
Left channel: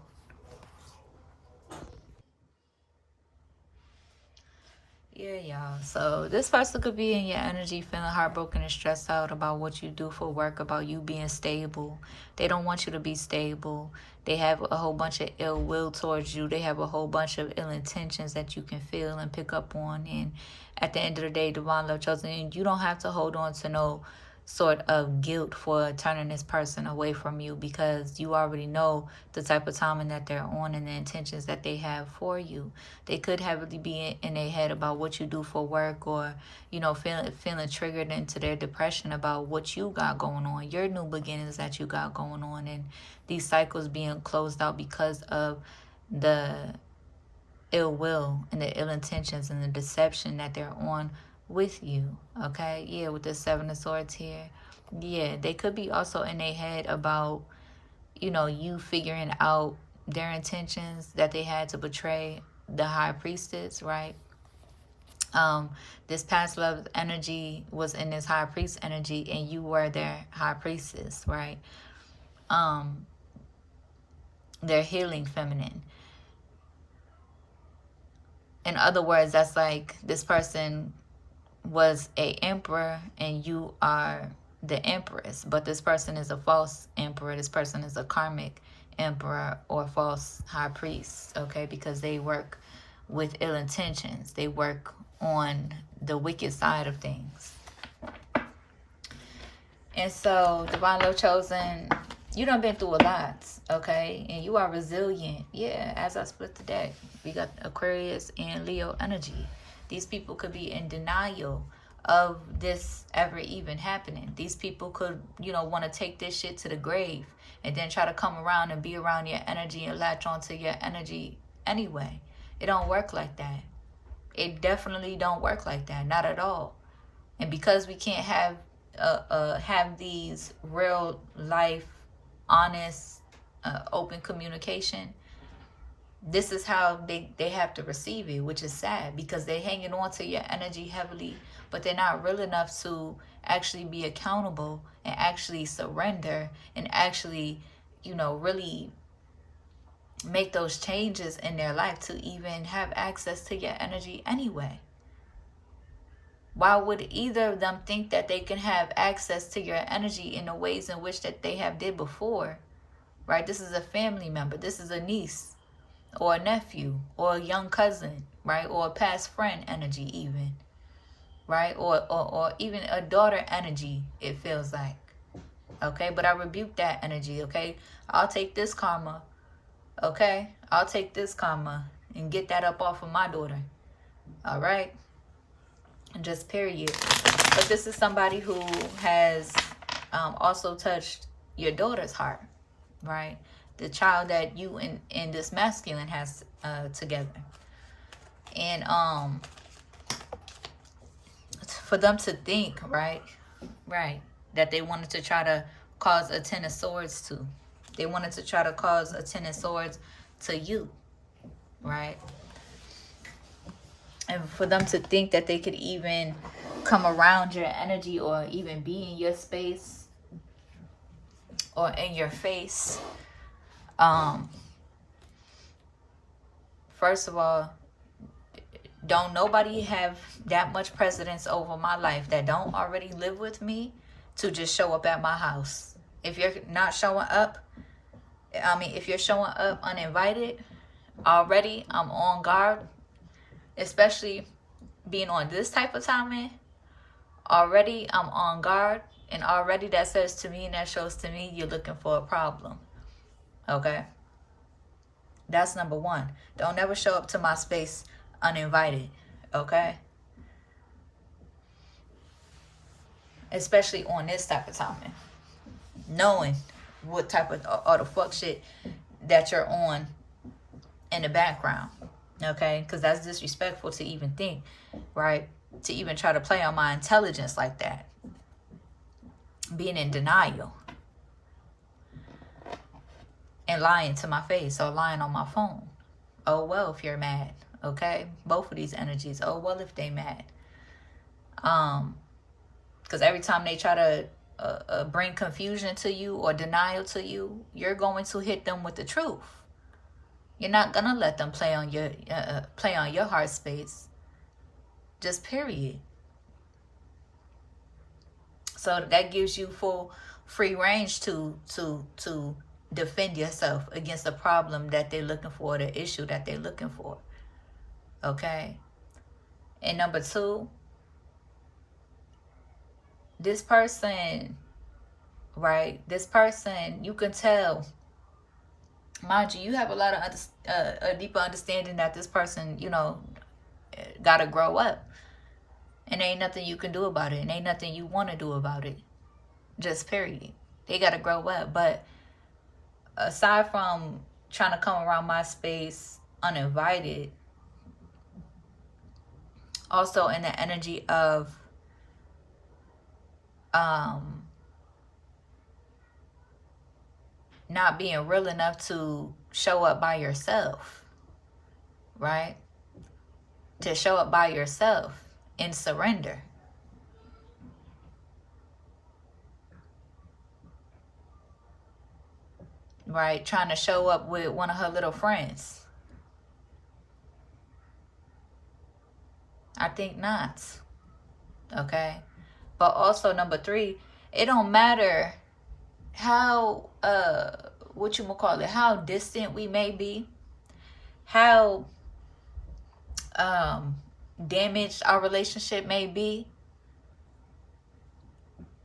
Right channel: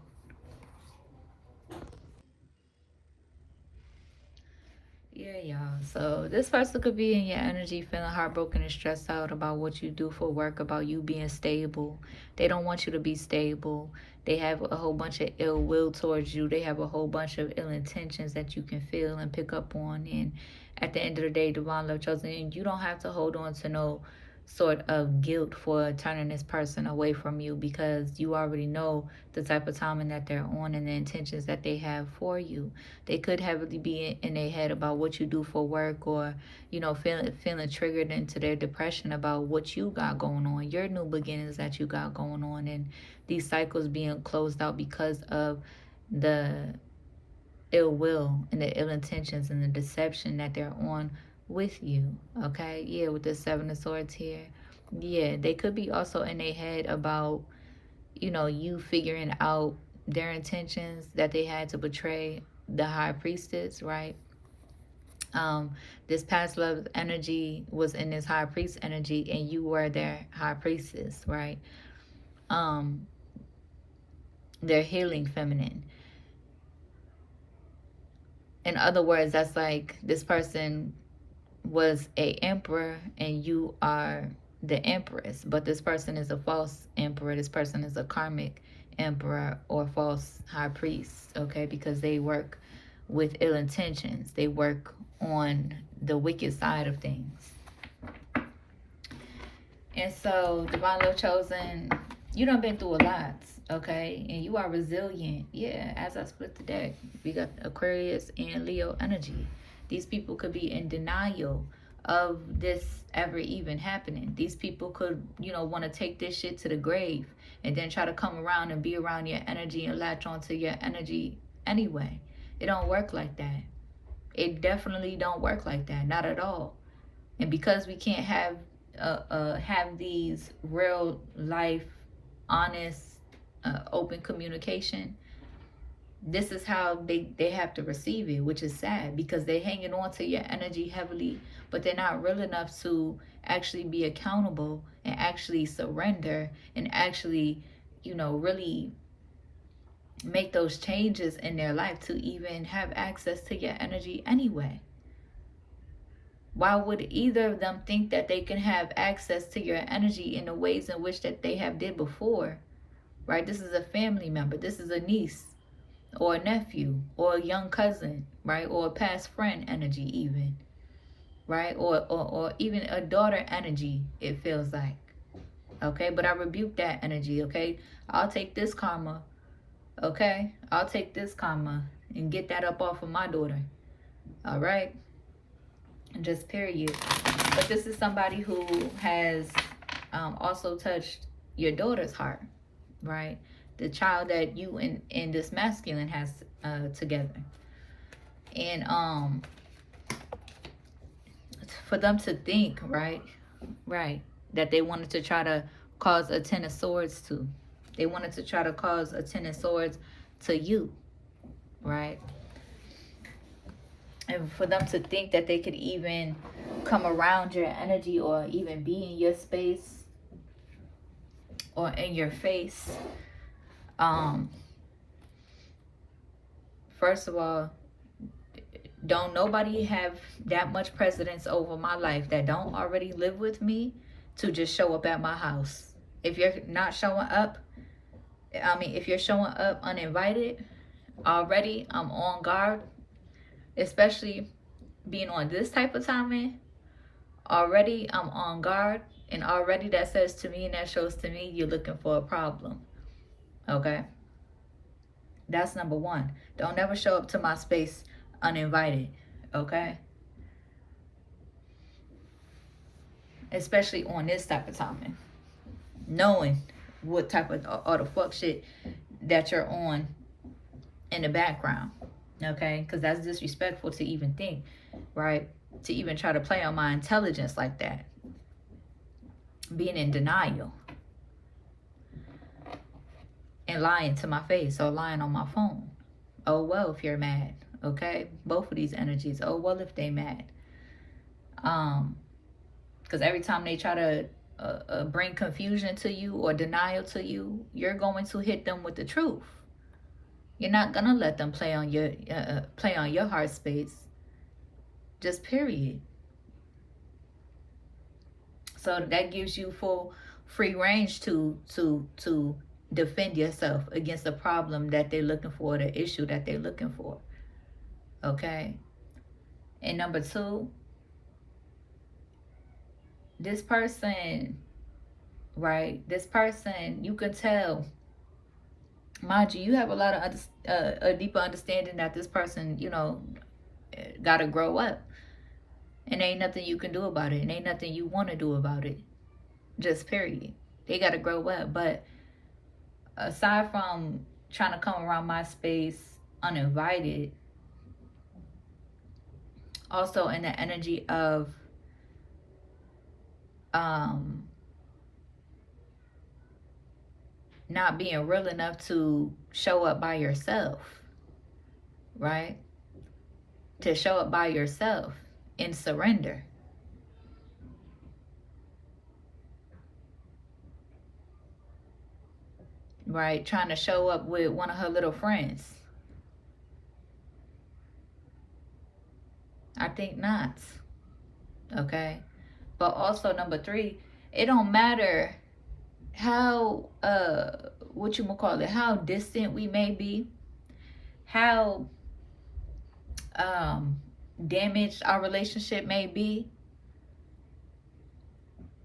Yeah, y'all. So this person could be in your energy feeling heartbroken and stressed out about what you do for work, about you being stable. They don't want you to be stable. They have a whole bunch of ill will towards you. They have a whole bunch of ill intentions that you can feel and pick up on. And at the end of the day, Divine Love Chosen, you don't have to hold on to no sort of guilt for turning this person away from you, because you already know the type of timing that they're on and the intentions that they have for you. They could heavily be in their head about what you do for work, or, you know, feeling triggered into their depression about what you got going on, your new beginnings that you got going on, and these cycles being closed out because of the ill will and the ill intentions and the deception that they're on with you. Okay, yeah, with the Seven of Swords here. Yeah, they could be also in their head about, you know, you figuring out their intentions that they had to betray the High Priestess, right? This past love energy was in this High Priest energy, and you were their High Priestess, right? Their healing feminine. In other words, that's like this person was a emperor and you are the empress, but this person is a false emperor. This person is a karmic emperor or false high priest, okay? Because they work with ill intentions. They work on the wicked side of things. And so, Divine Love Chosen, you done been through a lot, okay? And you are resilient. Yeah, as I split the deck, we got Aquarius and Leo energy. These people could be in denial of this ever even happening. These people could, you know, want to take this shit to the grave and then try to come around and be around your energy and latch onto your energy anyway. It don't work like that. It definitely don't work like that. Not at all. And because we can't have these real life, honest, open communication, this is how they have to receive it, which is sad, because they're hanging on to your energy heavily, but they're not real enough to actually be accountable and actually surrender and actually, you know, really make those changes in their life to even have access to your energy anyway. Why would either of them think that they can have access to your energy in the ways in which that they have did before, right? This is a family member. This is a niece or a nephew or a young cousin, right? Or a past friend energy even, right? Or even a daughter energy, it feels like. Okay, but I rebuke that energy, okay? I'll take this karma, okay? I'll take this karma and get that up off of my daughter, all right? And just period. But this is somebody who has also touched your daughter's heart, right? The child that you and this masculine has together. And for them to think, right, that they wanted to try to cause a 10 of swords to. They wanted to try to cause a 10 of swords to you, right? And for them to think that they could even come around your energy or even be in your space or in your face. First of all, don't nobody have that much precedence over my life that don't already live with me to just show up at my house. If you're not showing up, if you're showing up uninvited, already I'm on guard, especially being on this type of timing. Already I'm on guard, and already that says to me and that shows to me you're looking for a problem. Okay? That's number one. Don't ever show up to my space uninvited. Okay? Especially on this type of timing. Knowing what type of or the fuck shit that you're on in the background. Okay? Because that's disrespectful to even think, right? To even try to play on my intelligence like that. Being in denial. And lying to my face or lying on my phone. Oh, well, if you're mad. Okay? Both of these energies. Oh, well, if they mad. Because every time they try to bring confusion to you or denial to you, you're going to hit them with the truth. You're not going to let them play on your heart space. Just period. So that gives you full free range to defend yourself against the problem that they're looking for, the issue that they're looking for. Okay? And number two, this person, right? This person, you can tell, mind you, you have a lot of a deeper understanding that this person, you know, gotta grow up. And ain't nothing you can do about it. And ain't nothing you want to do about it. Just period. They got to grow up. But aside from trying to come around my space uninvited, also in the energy of not being real enough to show up by yourself. Right? To show up by yourself. In surrender. Right? Trying to show up with one of her little friends. I think not. Okay? But also number three, it don't matter how, how distant we may be. How, damaged our relationship may be.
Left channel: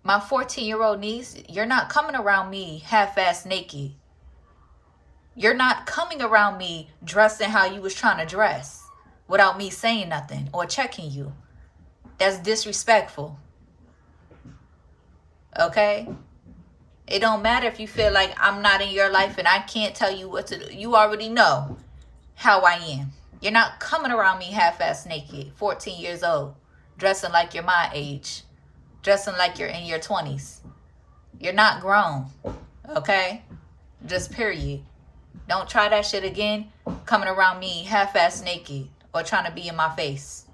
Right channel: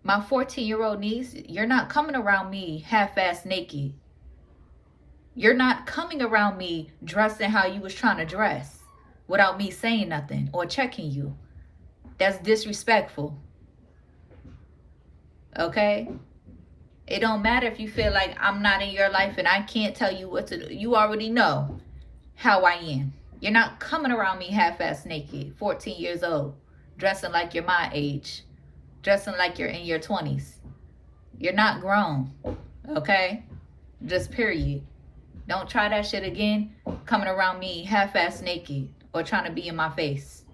My 14-year-old niece, you're not coming around me half-ass naked. You're not coming around me dressing how you was trying to dress without me saying nothing or checking you. That's disrespectful. Okay? It don't matter if you feel like I'm not in your life and I can't tell you what to do. You already know how I am. You're not coming around me half-ass naked, 14 years old, dressing like you're my age, dressing like you're in your 20s. You're not grown, okay? Just period. Don't try that shit again, coming around me half-ass naked or trying to be in my face.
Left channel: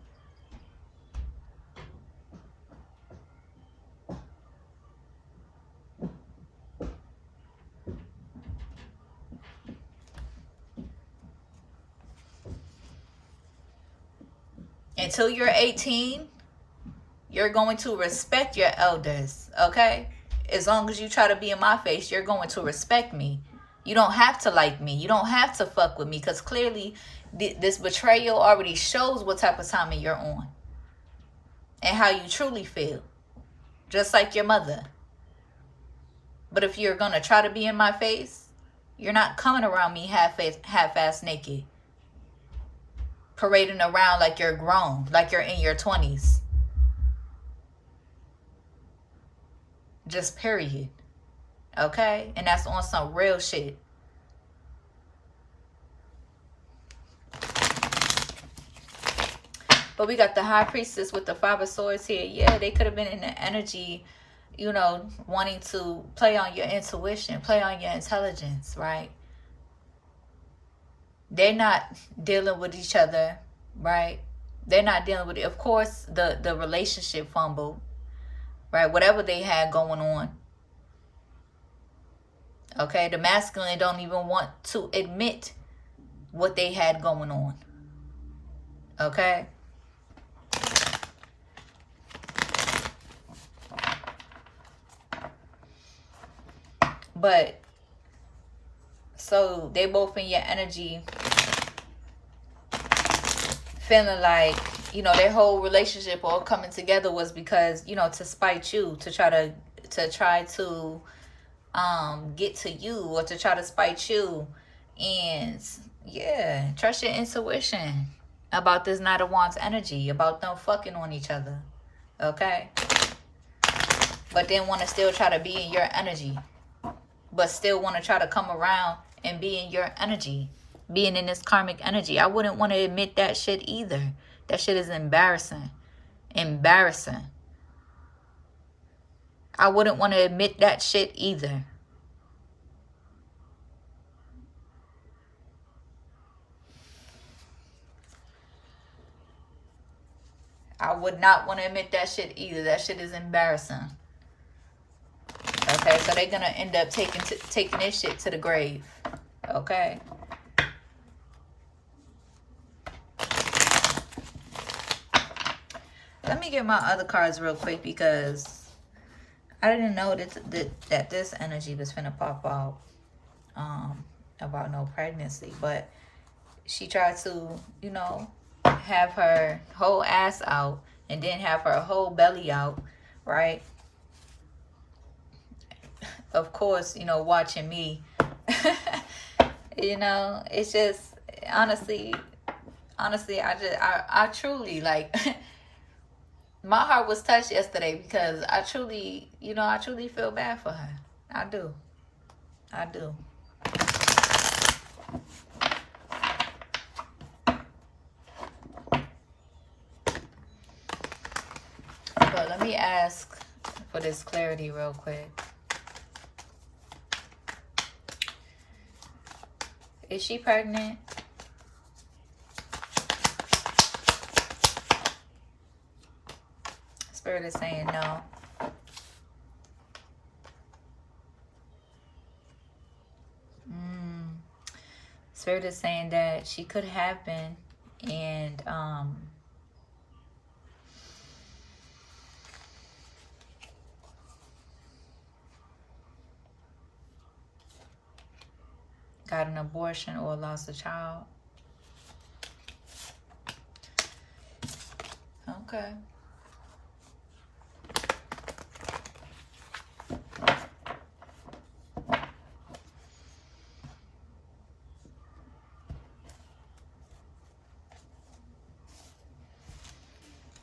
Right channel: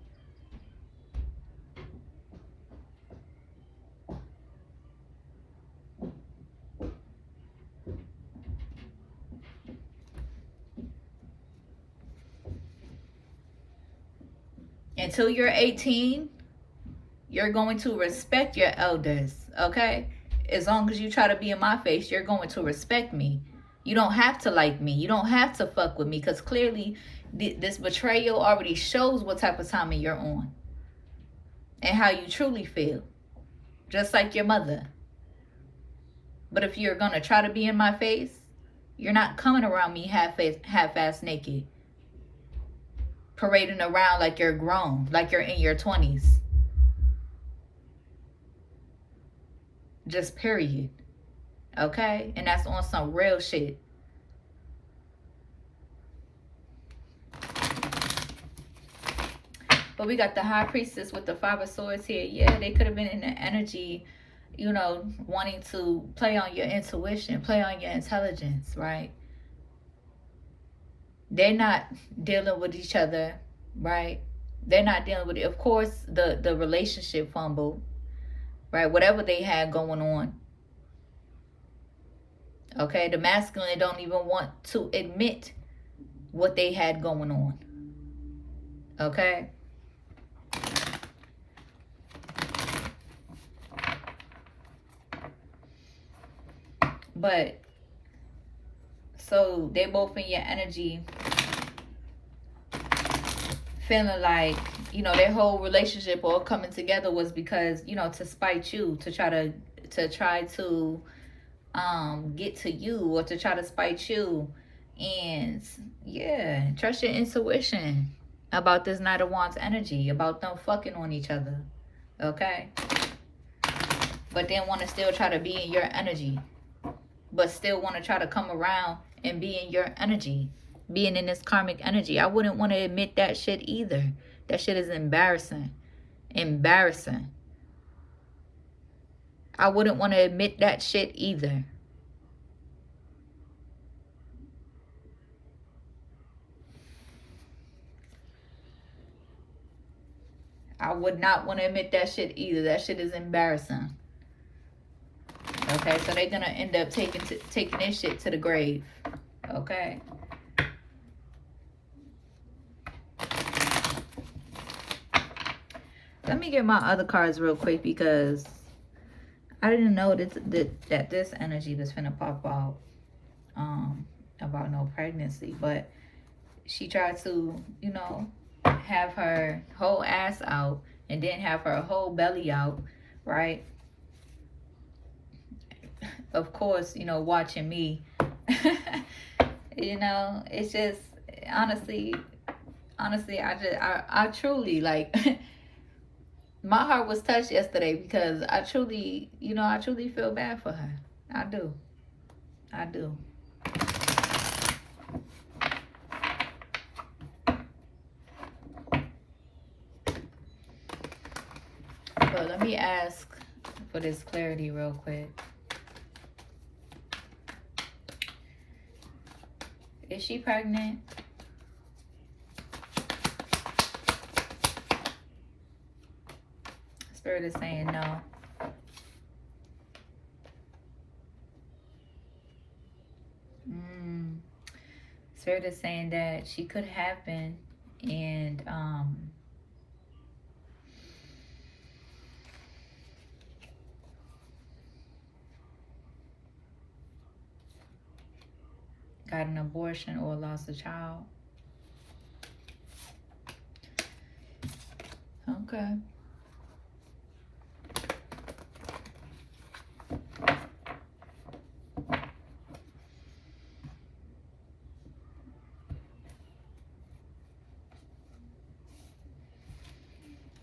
Until you're 18, you're going to respect your elders, okay? As long as you try to be in my face, you're going to respect me. You don't have to like me. You don't have to fuck with me, because clearly this betrayal already shows what type of timing you're on and how you truly feel, just like your mother. But if you're going to try to be in my face, you're not coming around me half-ass naked, parading around like you're grown, like you're in your 20s. Just period. Okay? And that's on some real shit. But we got the High Priestess with the Five of Swords here. Yeah, they could have been in the energy, you know, wanting to play on your intuition, play on your intelligence, right? They're not dealing with each other, right? They're not dealing with it. Of course, the relationship fumbled, right? Whatever they had going on. Okay, the masculine don't even want to admit what they had going on. Okay? But, so they both in your energy feeling like, you know, their whole relationship all coming together was because, you know, to spite you, to try to get to you, or to try to spite you. And yeah, trust your intuition about this Knight of Wands energy, about them fucking on each other. Okay? But then want to still try to be in your energy, but still want to try to come around and be in your energy, being in this karmic energy. I wouldn't want to admit that shit either. That shit is embarrassing. Embarrassing. I wouldn't want to admit that shit either. I would not want to admit that shit either. That shit is embarrassing. Okay, so they're going to end up taking this shit to the grave. Okay. Let me get my other cards real quick, because I didn't know that this energy was finna pop out about no pregnancy. But she tried to, you know, have her whole ass out and then have her whole belly out, right? Of course, you know, watching me. You know, it's just, honestly, I truly, like, my heart was touched yesterday, because I truly, you know, I truly feel bad for her. I do. I do. But let me ask for this clarity real quick. Is she pregnant? Spirit is saying no. Spirit is saying that she could have been, and got an abortion or lost a child. Okay.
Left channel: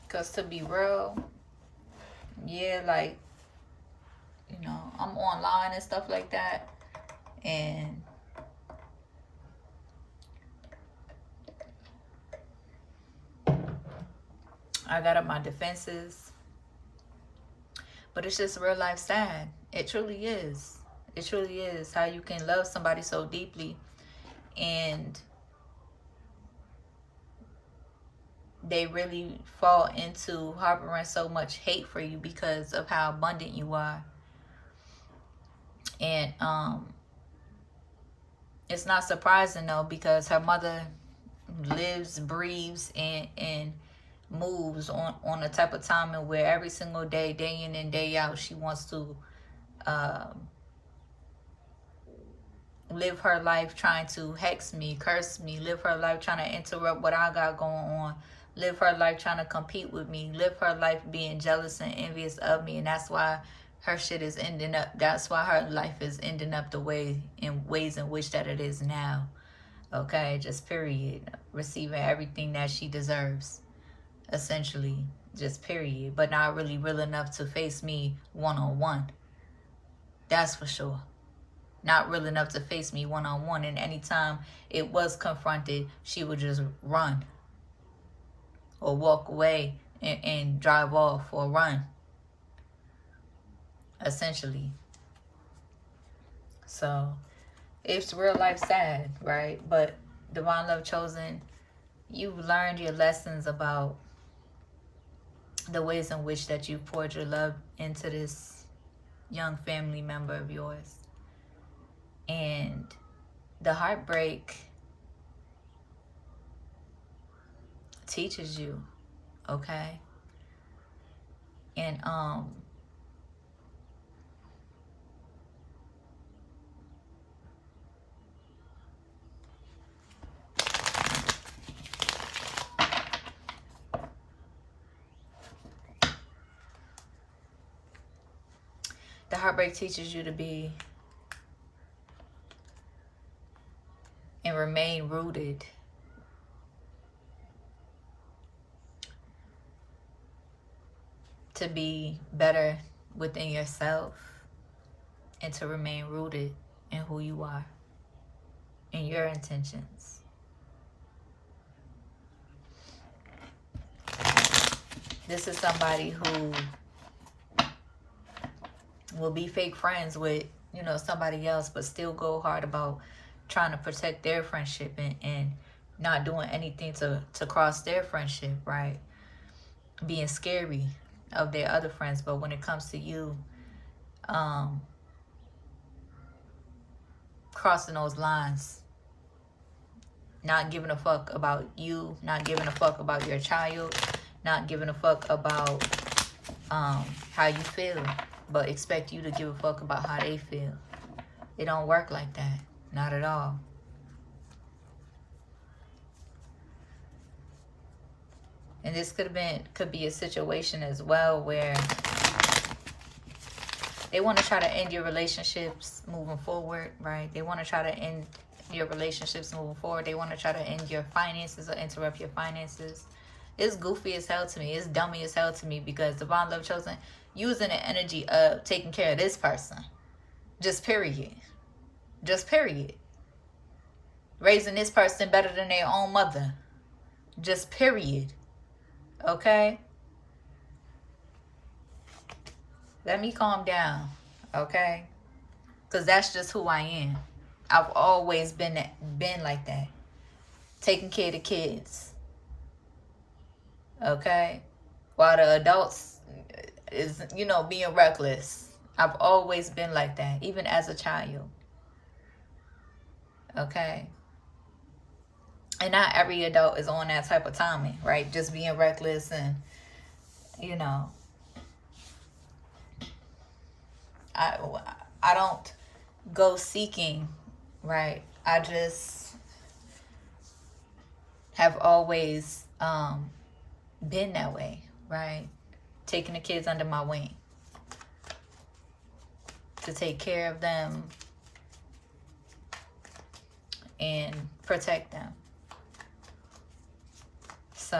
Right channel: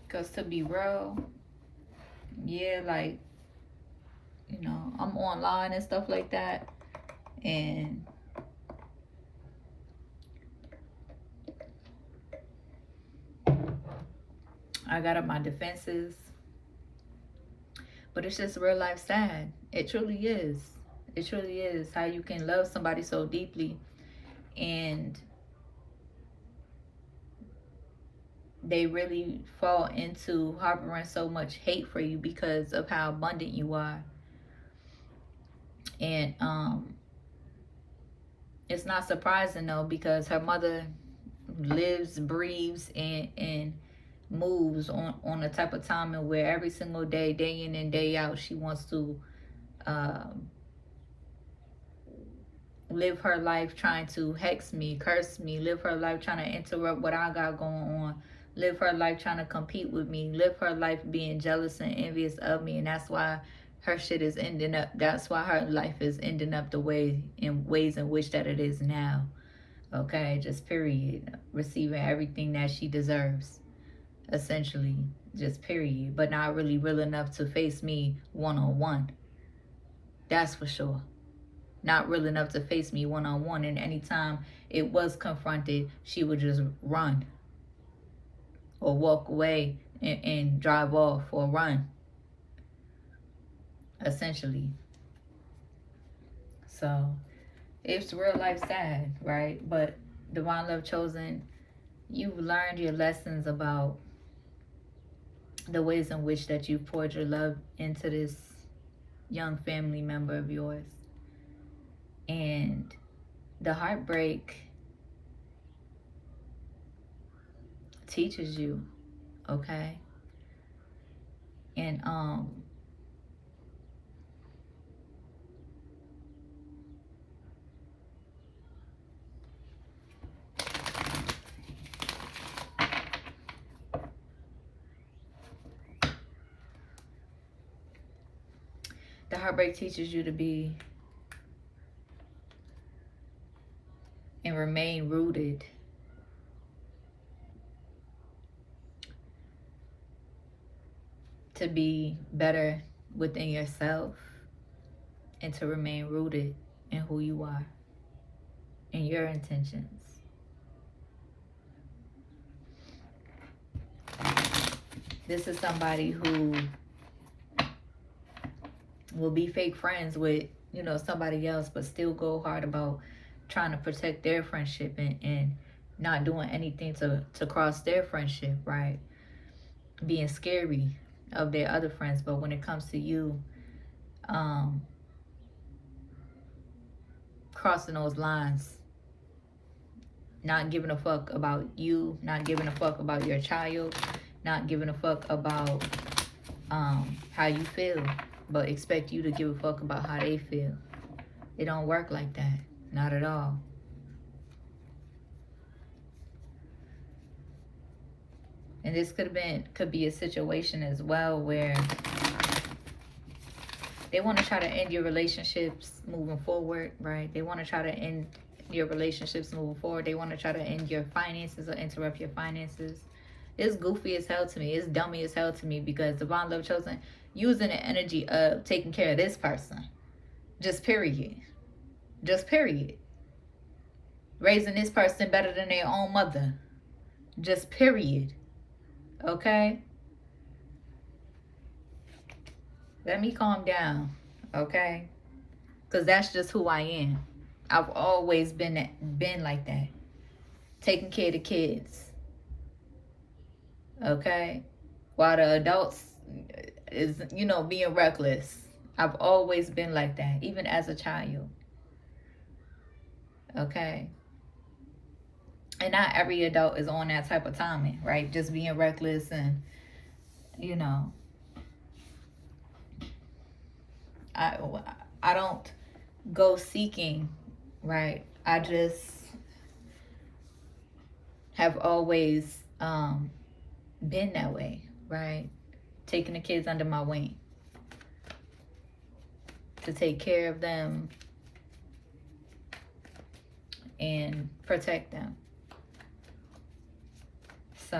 Because to be real, yeah, like, you know, I'm online and stuff like that. And I got up my defenses. But it's just real life sad. It truly is. It truly is. How you can love somebody so deeply and they really fall into harboring so much hate for you because of how abundant you are. And it's not surprising though, because her mother lives, breathes, and moves on a type of timing where every single day, day in and day out, she wants to live her life trying to hex me, curse me, live her life trying to interrupt what I got going on, live her life trying to compete with me, live her life being jealous and envious of me. And that's why her shit is ending up, that's why her life is ending up the way, in ways in which that it is now. Okay, just period. Receiving everything that she deserves, essentially, just period. But not really real enough to face me one-on-one. That's for sure. Not real enough to face me one-on-one. And anytime it was confronted, she would just run or walk away and drive off or run, essentially. So it's real life sad, right? But Divine Love Chosen, you've learned your lessons about the ways in which that you poured your love into this young family member of yours. And the heartbreak teaches you, okay? And the heartbreak teaches you to be and remain rooted to be better within yourself and to remain rooted in who you are and your intentions. This is somebody who will be fake friends with, you know, somebody else, but still go hard about trying to protect their friendship and not doing anything to cross their friendship, right? Being scary of their other friends. But when it comes to you, crossing those lines, not giving a fuck about you, not giving a fuck about your child, not giving a fuck about how you feel, but expect you to give a fuck about how they feel. It don't work like that. Not at all. And this could be a situation as well where they want to try to end your relationships moving forward, right? They want to try to end your relationships moving forward. They want to try to end your finances or interrupt your finances. It's goofy as hell to me. It's dummy as hell to me, because Divine Love Chosen, using the energy of taking care of this person. Just period. Just period. Raising this person better than their own mother. Just period. Okay? Let me calm down. Okay? Because that's just who I am. I've always been like that. Taking care of the kids. Okay? While the adults is, you know, being reckless. I've always been like that, even as a child. Okay? And not every adult is on that type of timing, right? Just being reckless and, you know. I don't go seeking, right? I just have always been that way, right? Taking the kids under my wing to take care of them and protect them. So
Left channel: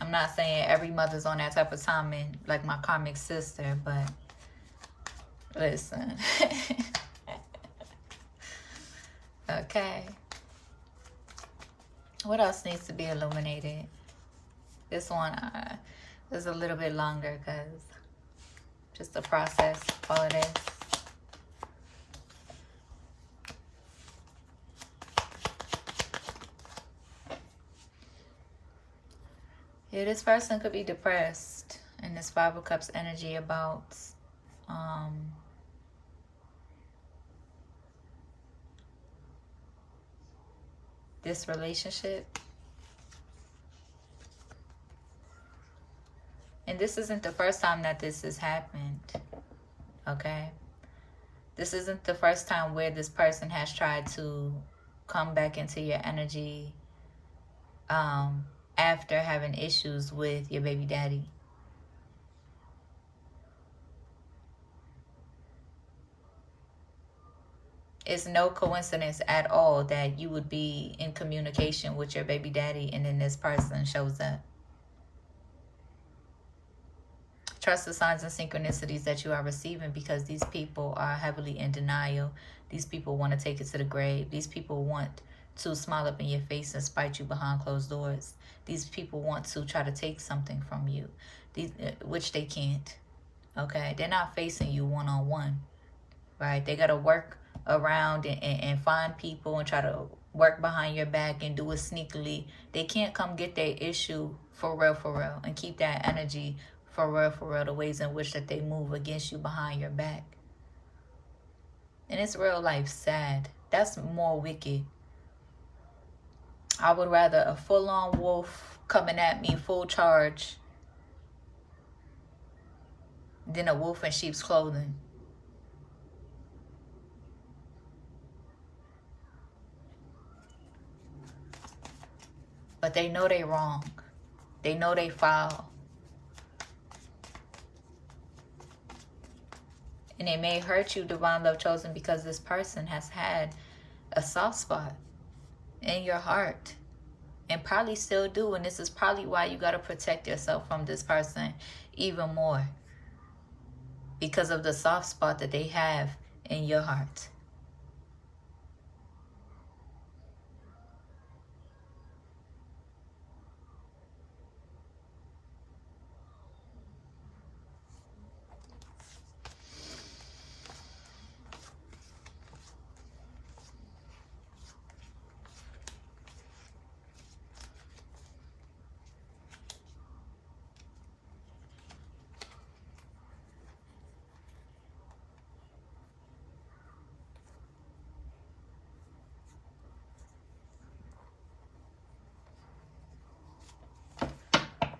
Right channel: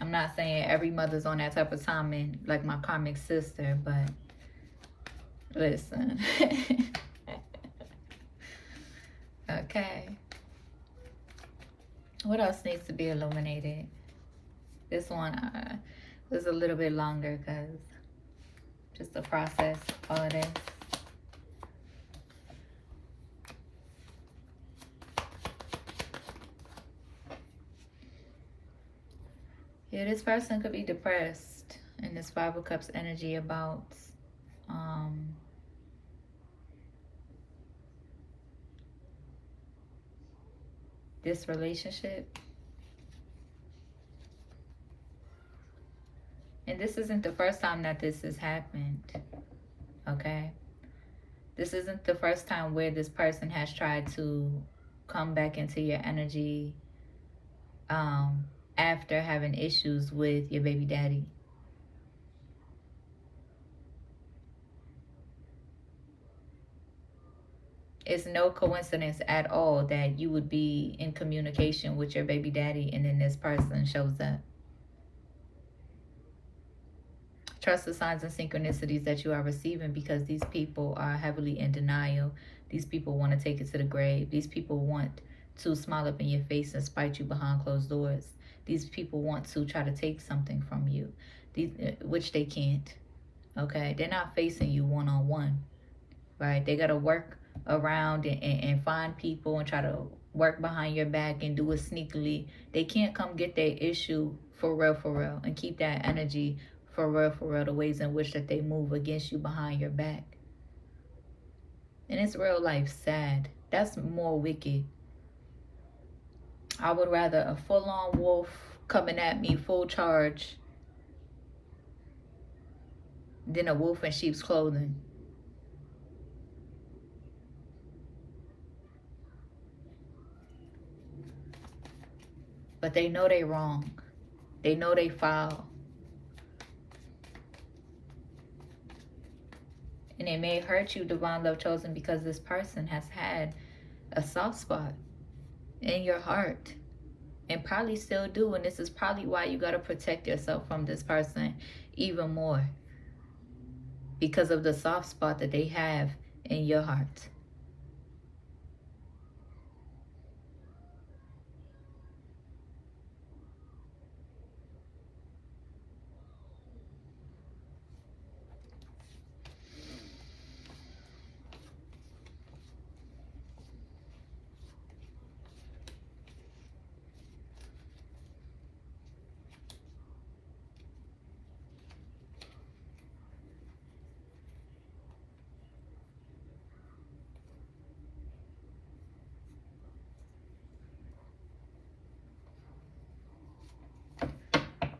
I'm not saying every mother's on that type of timing like my karmic sister, but listen. Okay. What else needs to be illuminated? This one is a little bit longer because just the process, all of this. Yeah, this person could be depressed in this Five of Cups energy about this relationship. this isn't the first time that this has happened. Okay? This isn't the first time where this person has tried to come back into your energy after having issues with your baby daddy. It's no coincidence at all that you would be in communication with your baby daddy and then this person shows up. Trust the signs and synchronicities that you are receiving, because these people are heavily in denial. These people want to take it to the grave. These people want to smile up in your face and spite you behind closed doors. These people want to try to take something from you, which they can't. Okay? They're not facing you one-on-one. Right? They got to work around and find people and try to work behind your back and do it sneakily. They can't come get their issue for real, and keep that energy for real, the ways in which that they move against you behind your back. And it's real life sad. That's more wicked. I would rather a full-on wolf coming at me full charge than a wolf in sheep's clothing. But they know they wrong. They know they foul. And it may hurt you, divine love chosen, because this person has had a soft spot in your heart. And probably still do. And this is probably why you got to protect yourself from this person even more. Because of the soft spot that they have in your heart.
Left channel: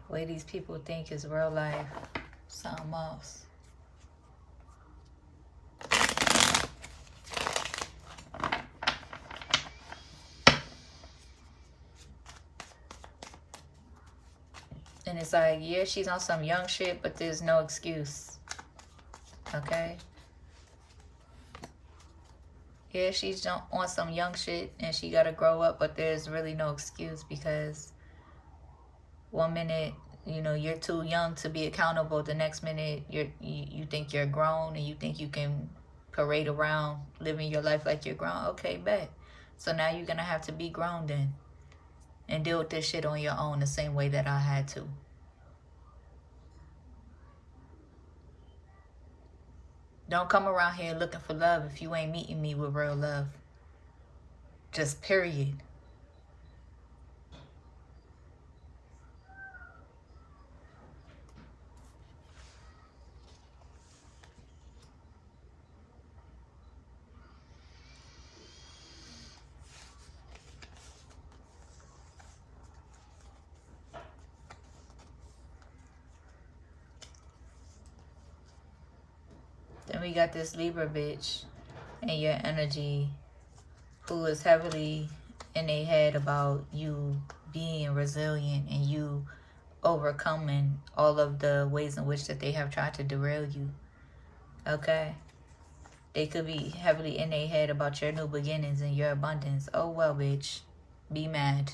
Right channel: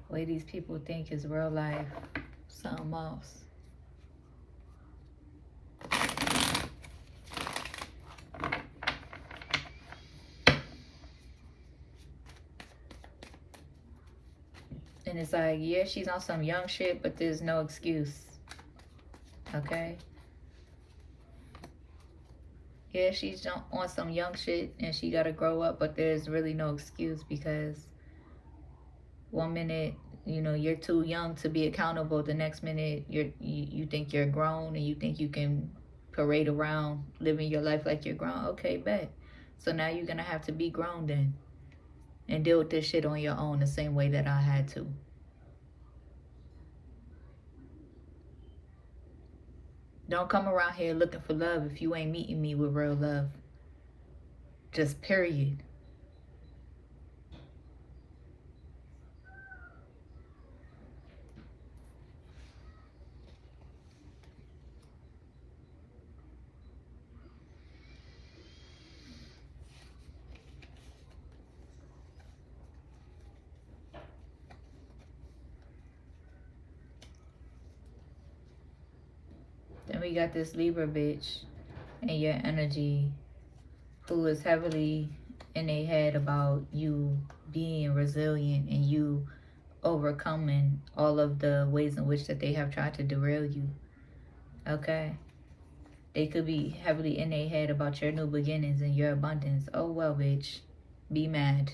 The way these people think is real life. Something else. And it's like, yeah, she's on some young shit, but there's no excuse. Okay? Yeah, she's on some young shit and she gotta grow up, but there's really no excuse, because one minute, you know, you're too young to be accountable. The next minute, you think you're grown and you think you can parade around living your life like you're grown. Okay, bet. So now you're gonna have to be grown then and deal with this shit on your own the same way that I had to. Don't come around here looking for love if you ain't meeting me with real love. Just period. Then we got this Libra bitch and your energy, who is heavily in their head about you being resilient and you overcoming all of the ways in which that they have tried to derail you. Okay? They could be heavily in their head about your new beginnings and your abundance. Oh well, bitch. Be mad.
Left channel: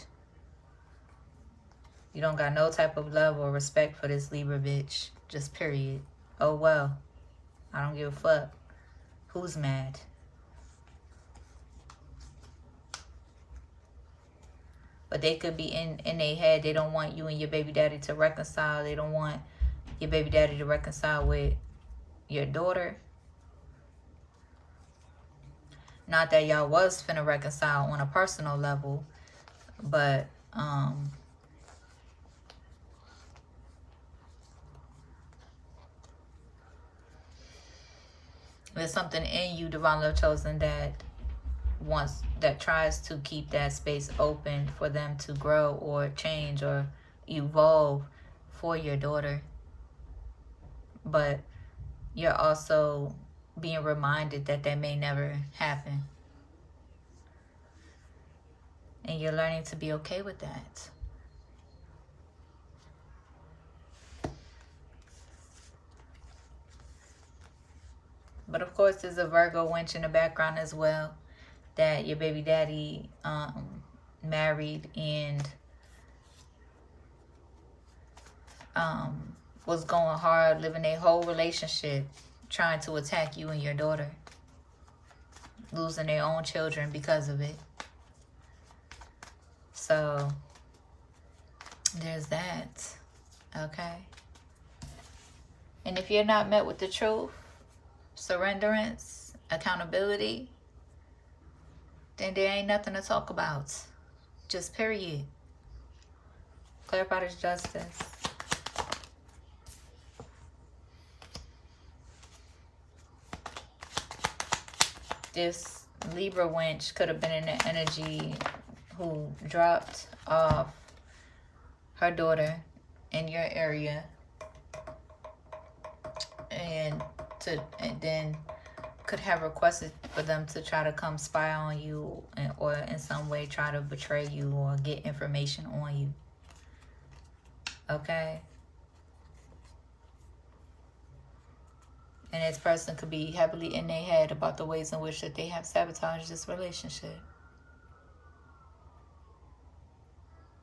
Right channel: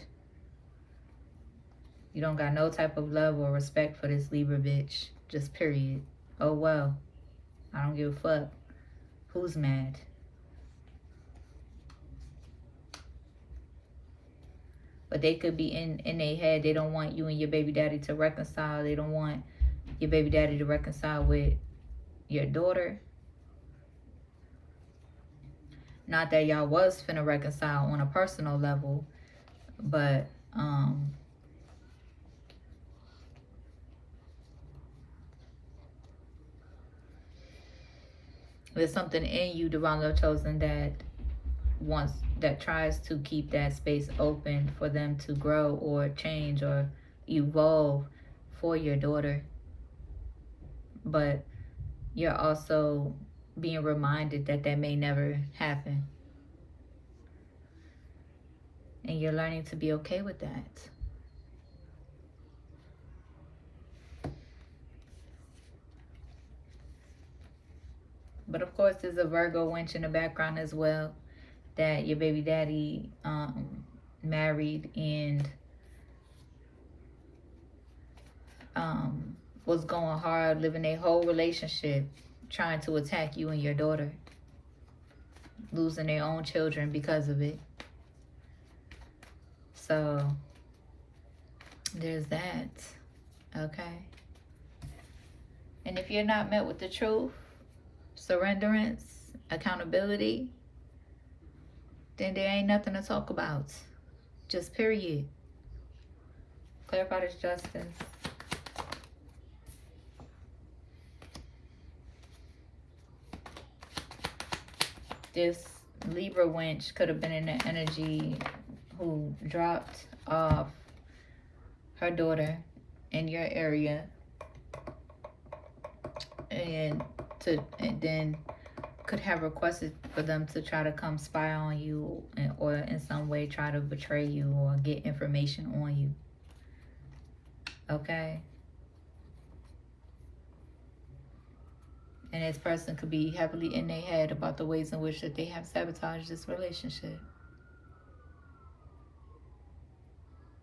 You don't got no type of love or respect for this Libra bitch. Just period. Oh well. I don't give a fuck. Who's mad? But they could be in their head. They don't want you and your baby daddy to reconcile. They don't want your baby daddy to reconcile with your daughter. Not that y'all was finna reconcile on a personal level, but there's something in you, divine love chosen, that tries to keep that space open for them to grow or change or evolve for your daughter. but you're also being reminded that that may never happen. And you're learning to be okay with that. But of course, there's a Virgo winch in the background as well, that your baby daddy married and was going hard, living a whole relationship, trying to attack you and your daughter, losing their own children because of it. So there's that. Okay. And if you're not met with the truth, surrenderance, accountability, then there ain't nothing to talk about. Just period. Clarify this justice. This Libra winch could have been in the energy who dropped off her daughter in your area and then could have requested for them to try to come spy on you, or in some way try to betray you or get information on you. Okay? And this person could be heavily in their head about the ways in which that they have sabotaged this relationship.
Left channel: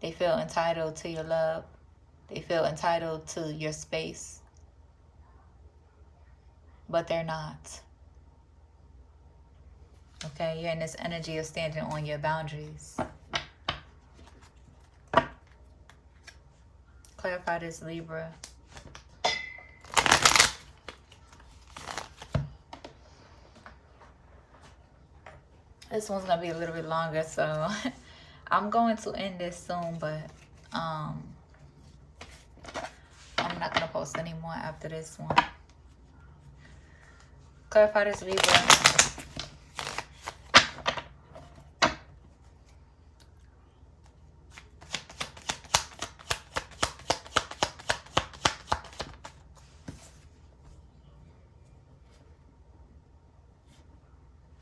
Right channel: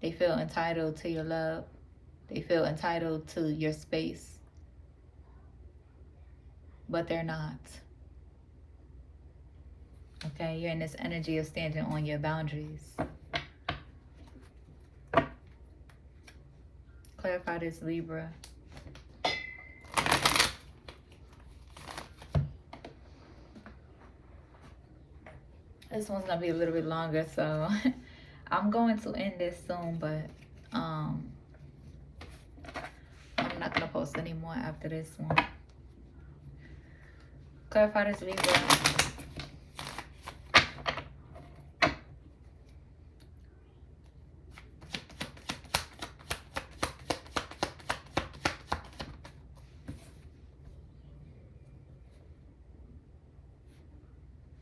They feel entitled to your love. They feel entitled to your space. But they're not. Okay, you're in this energy of standing on your boundaries. Clarify this, Libra. This one's gonna be a little bit longer, so I'm going to end this soon, but I'm not gonna post any more after this one. Clarify this, Libra.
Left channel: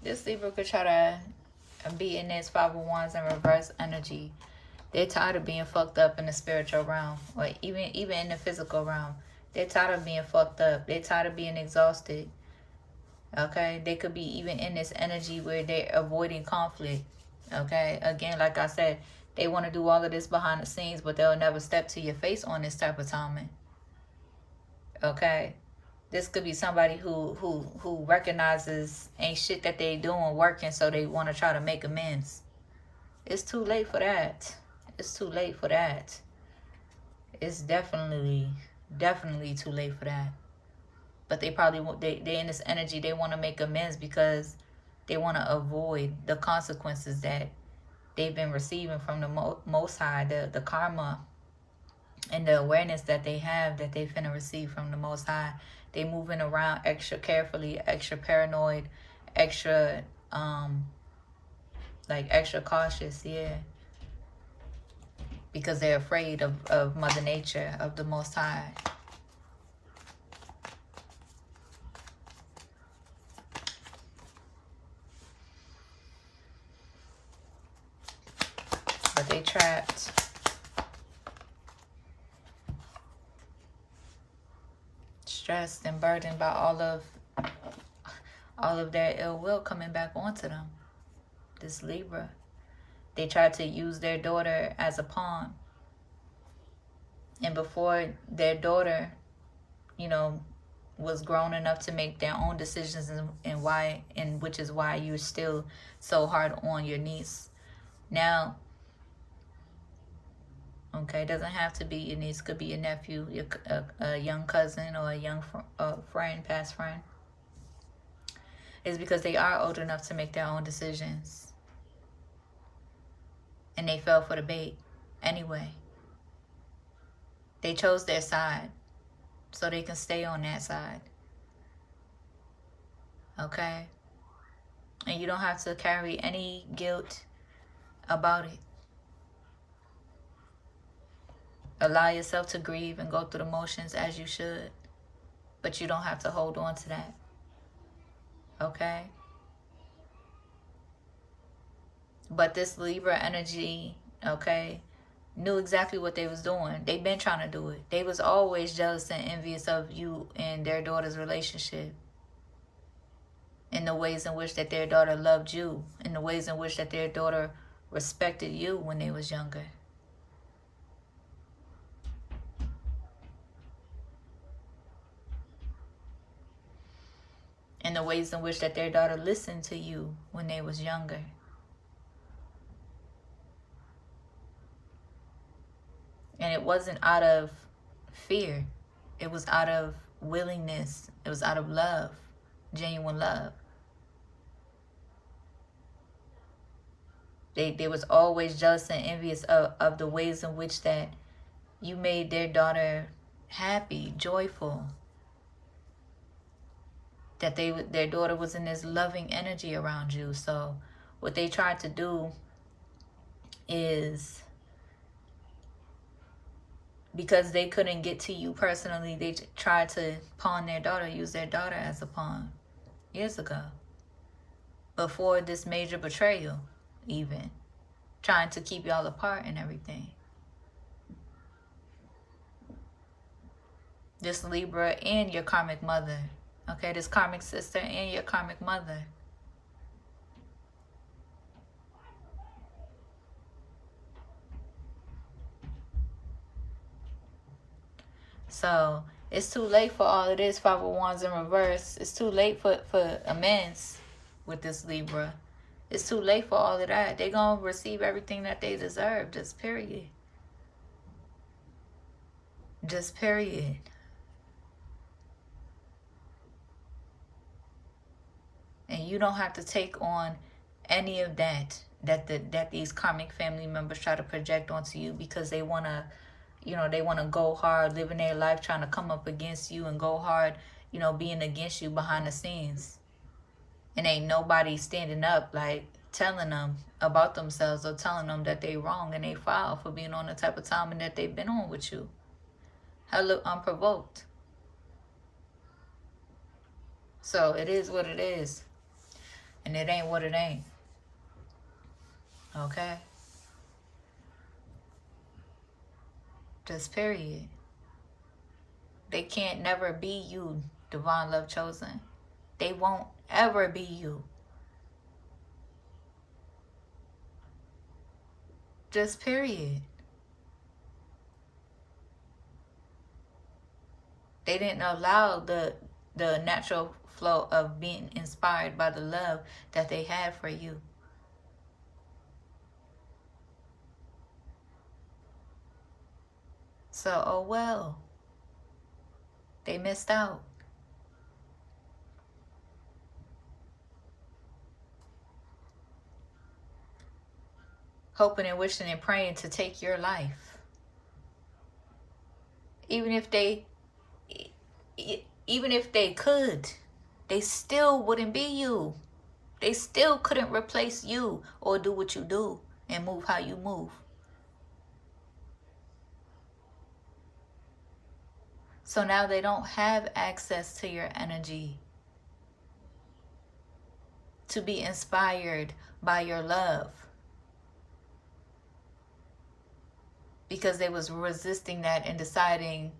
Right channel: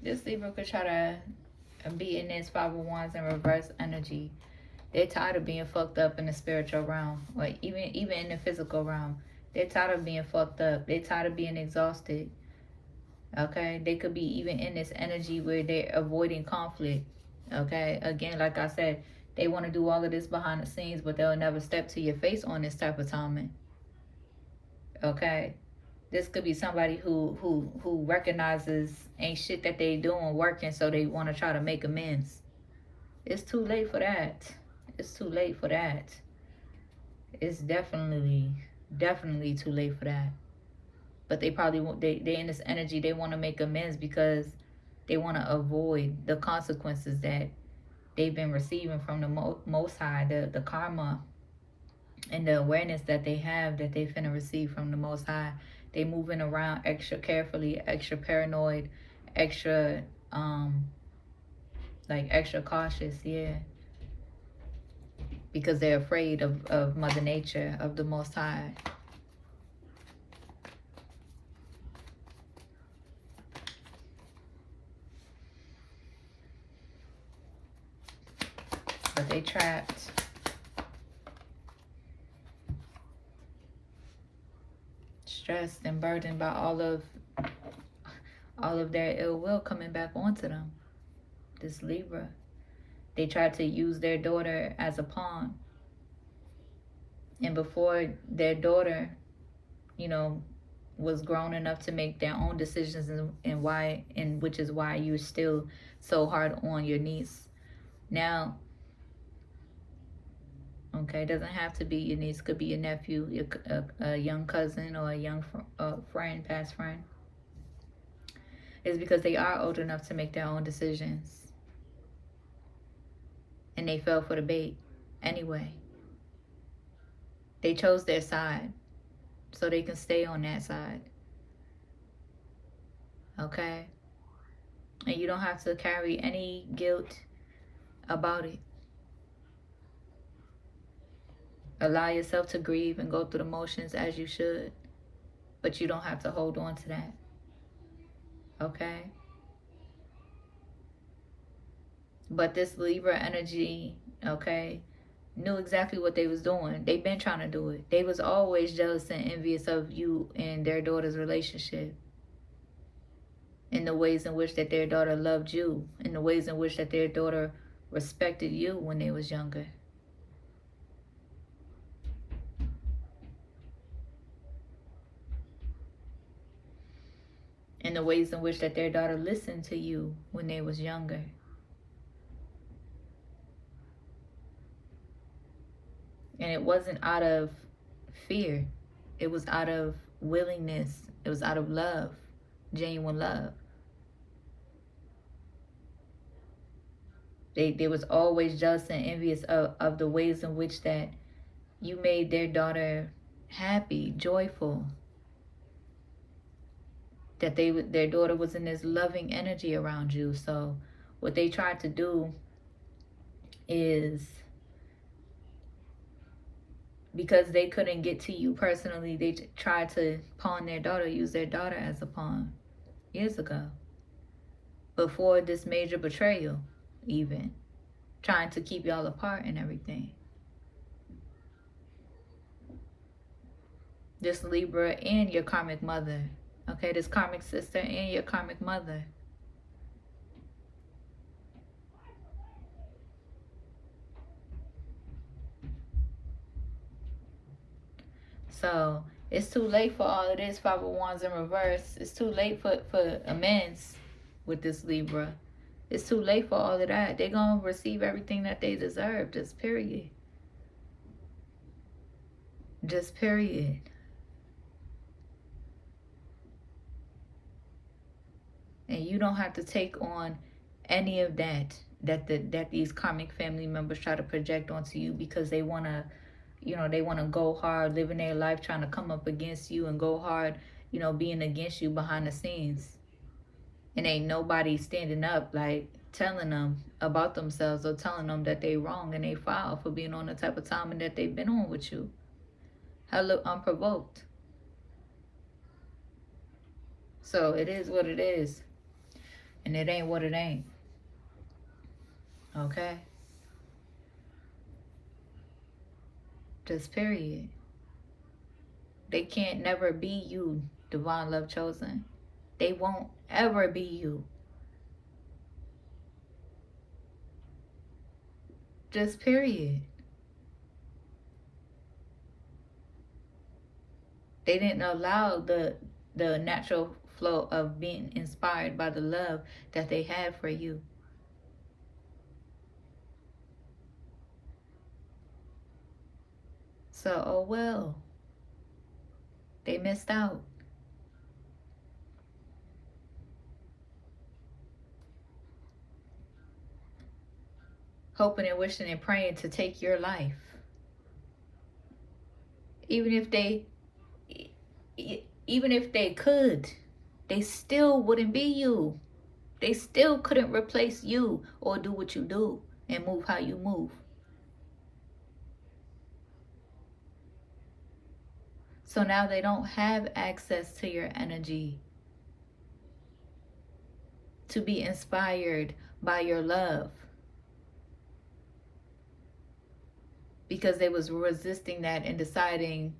This Libra could try to be in this 5 of Wands in reverse energy. They're tired of being fucked up in the spiritual realm, or even in the physical realm. They're tired of being fucked up. They're tired of being exhausted. Okay? They could be even in this energy where they're avoiding conflict. Okay? Again, like I said, they want to do all of this behind the scenes, but they'll never step to your face on this type of timing. Okay? This could be somebody who recognizes ain't shit that they doing working, so they want to try to make amends. It's too late for that. It's too late for that. It's definitely too late for that. But they probably they in this energy, they want to make amends because they want to avoid the consequences that they've been receiving from the Most High, the karma and the awareness that they have that they finna receive from the Most High. They moving around extra carefully, extra paranoid, extra like extra cautious, yeah. Because they're afraid of Mother Nature, of the Most High. But they trapped. Stressed and burdened by all of their ill will coming back onto them. This Libra. They tried to use their daughter as a pawn. And before their daughter, you know, was grown enough to make their own decisions, and which is why you're still so hard on your niece. Now, okay, it doesn't have to be your niece. Could be your nephew, a young cousin, or a young friend, past friend. It's because they are old enough to make their own decisions. And they fell for the bait anyway. They chose their side so they can stay on that side. Okay? And you don't have to carry any guilt about it. Allow yourself to grieve and go through the motions as you should. But you don't have to hold on to that. Okay? But this Libra energy, okay, knew exactly what they was doing. They been trying to do it. They was always jealous and envious of you and their daughter's relationship. In the ways in which that their daughter loved you. In the ways in which that their daughter respected you when they was younger. In the ways in which that their daughter listened to you when they was younger. And it wasn't out of fear. It was out of willingness. It was out of love. Genuine love. They was always jealous and envious of the ways in which that you made their daughter happy, joyful. That their daughter was in this loving energy around you. So what they tried to do is, because they couldn't get to you personally, they tried to pawn their daughter, use their daughter as a pawn years ago. Before this major betrayal, even. Trying to keep y'all apart and everything. This Libra and your karmic mother. Okay, this karmic sister and your karmic mother. So it's too late for all of this. 5 of Wands in reverse. It's too late for amends with this Libra. It's too late for all of that. They're going to receive everything that they deserve. Just period. Just period. And you don't have to take on any of that these karmic family members try to project onto you, because they want to, you know, they want to go hard, living their life trying to come up against you and go hard, you know, being against you behind the scenes. And ain't nobody standing up, like, telling them about themselves or telling them that they wrong and they foul for being on the type of timing that they've been on with you. Hella unprovoked. So it is what it is. And it ain't what it ain't. Okay? Just period. They can't never be you, divine love chosen. They won't ever be you. Just period. They didn't allow the natural flow of being inspired by the love that they had for you. So, oh well. They missed out. Hoping and wishing and praying to take your life. Even if they could, they still wouldn't be you. They still couldn't replace you or do what you do and move how you move. So now they don't have access to your energy to be inspired by your love, because they was resisting that and deciding,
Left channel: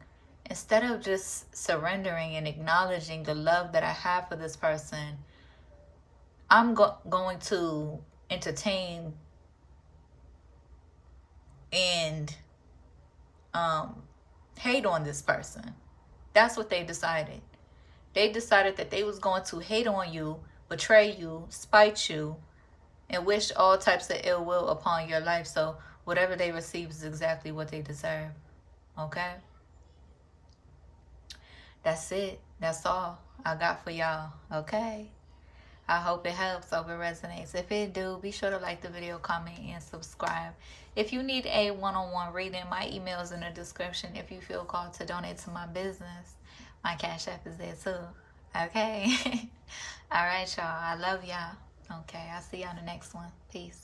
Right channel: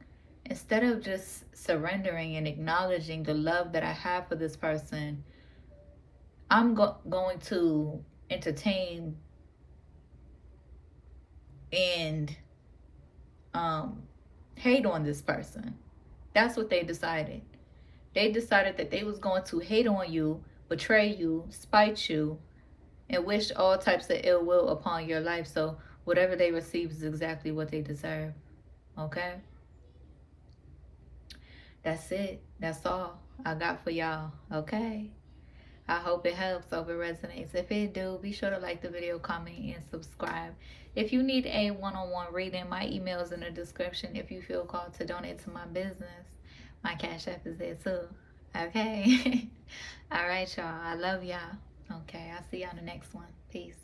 instead of just surrendering and acknowledging the love that I have for this person, I'm going to entertain and hate on this person. That's what they decided. They decided that they was going to hate on you, betray you, spite you, and wish all types of ill will upon your life. So whatever they receive is exactly what they deserve. Okay? That's it. That's all I got for y'all. Okay? I hope it helps. Hope it resonates. If it do, be sure to like the video, comment, and subscribe. If you need a one-on-one reading, my email is in the description. If you feel called to donate to my business, my Cash App is there too. Okay? All right, y'all. I love y'all. Okay, I'll see y'all in the next one. Peace.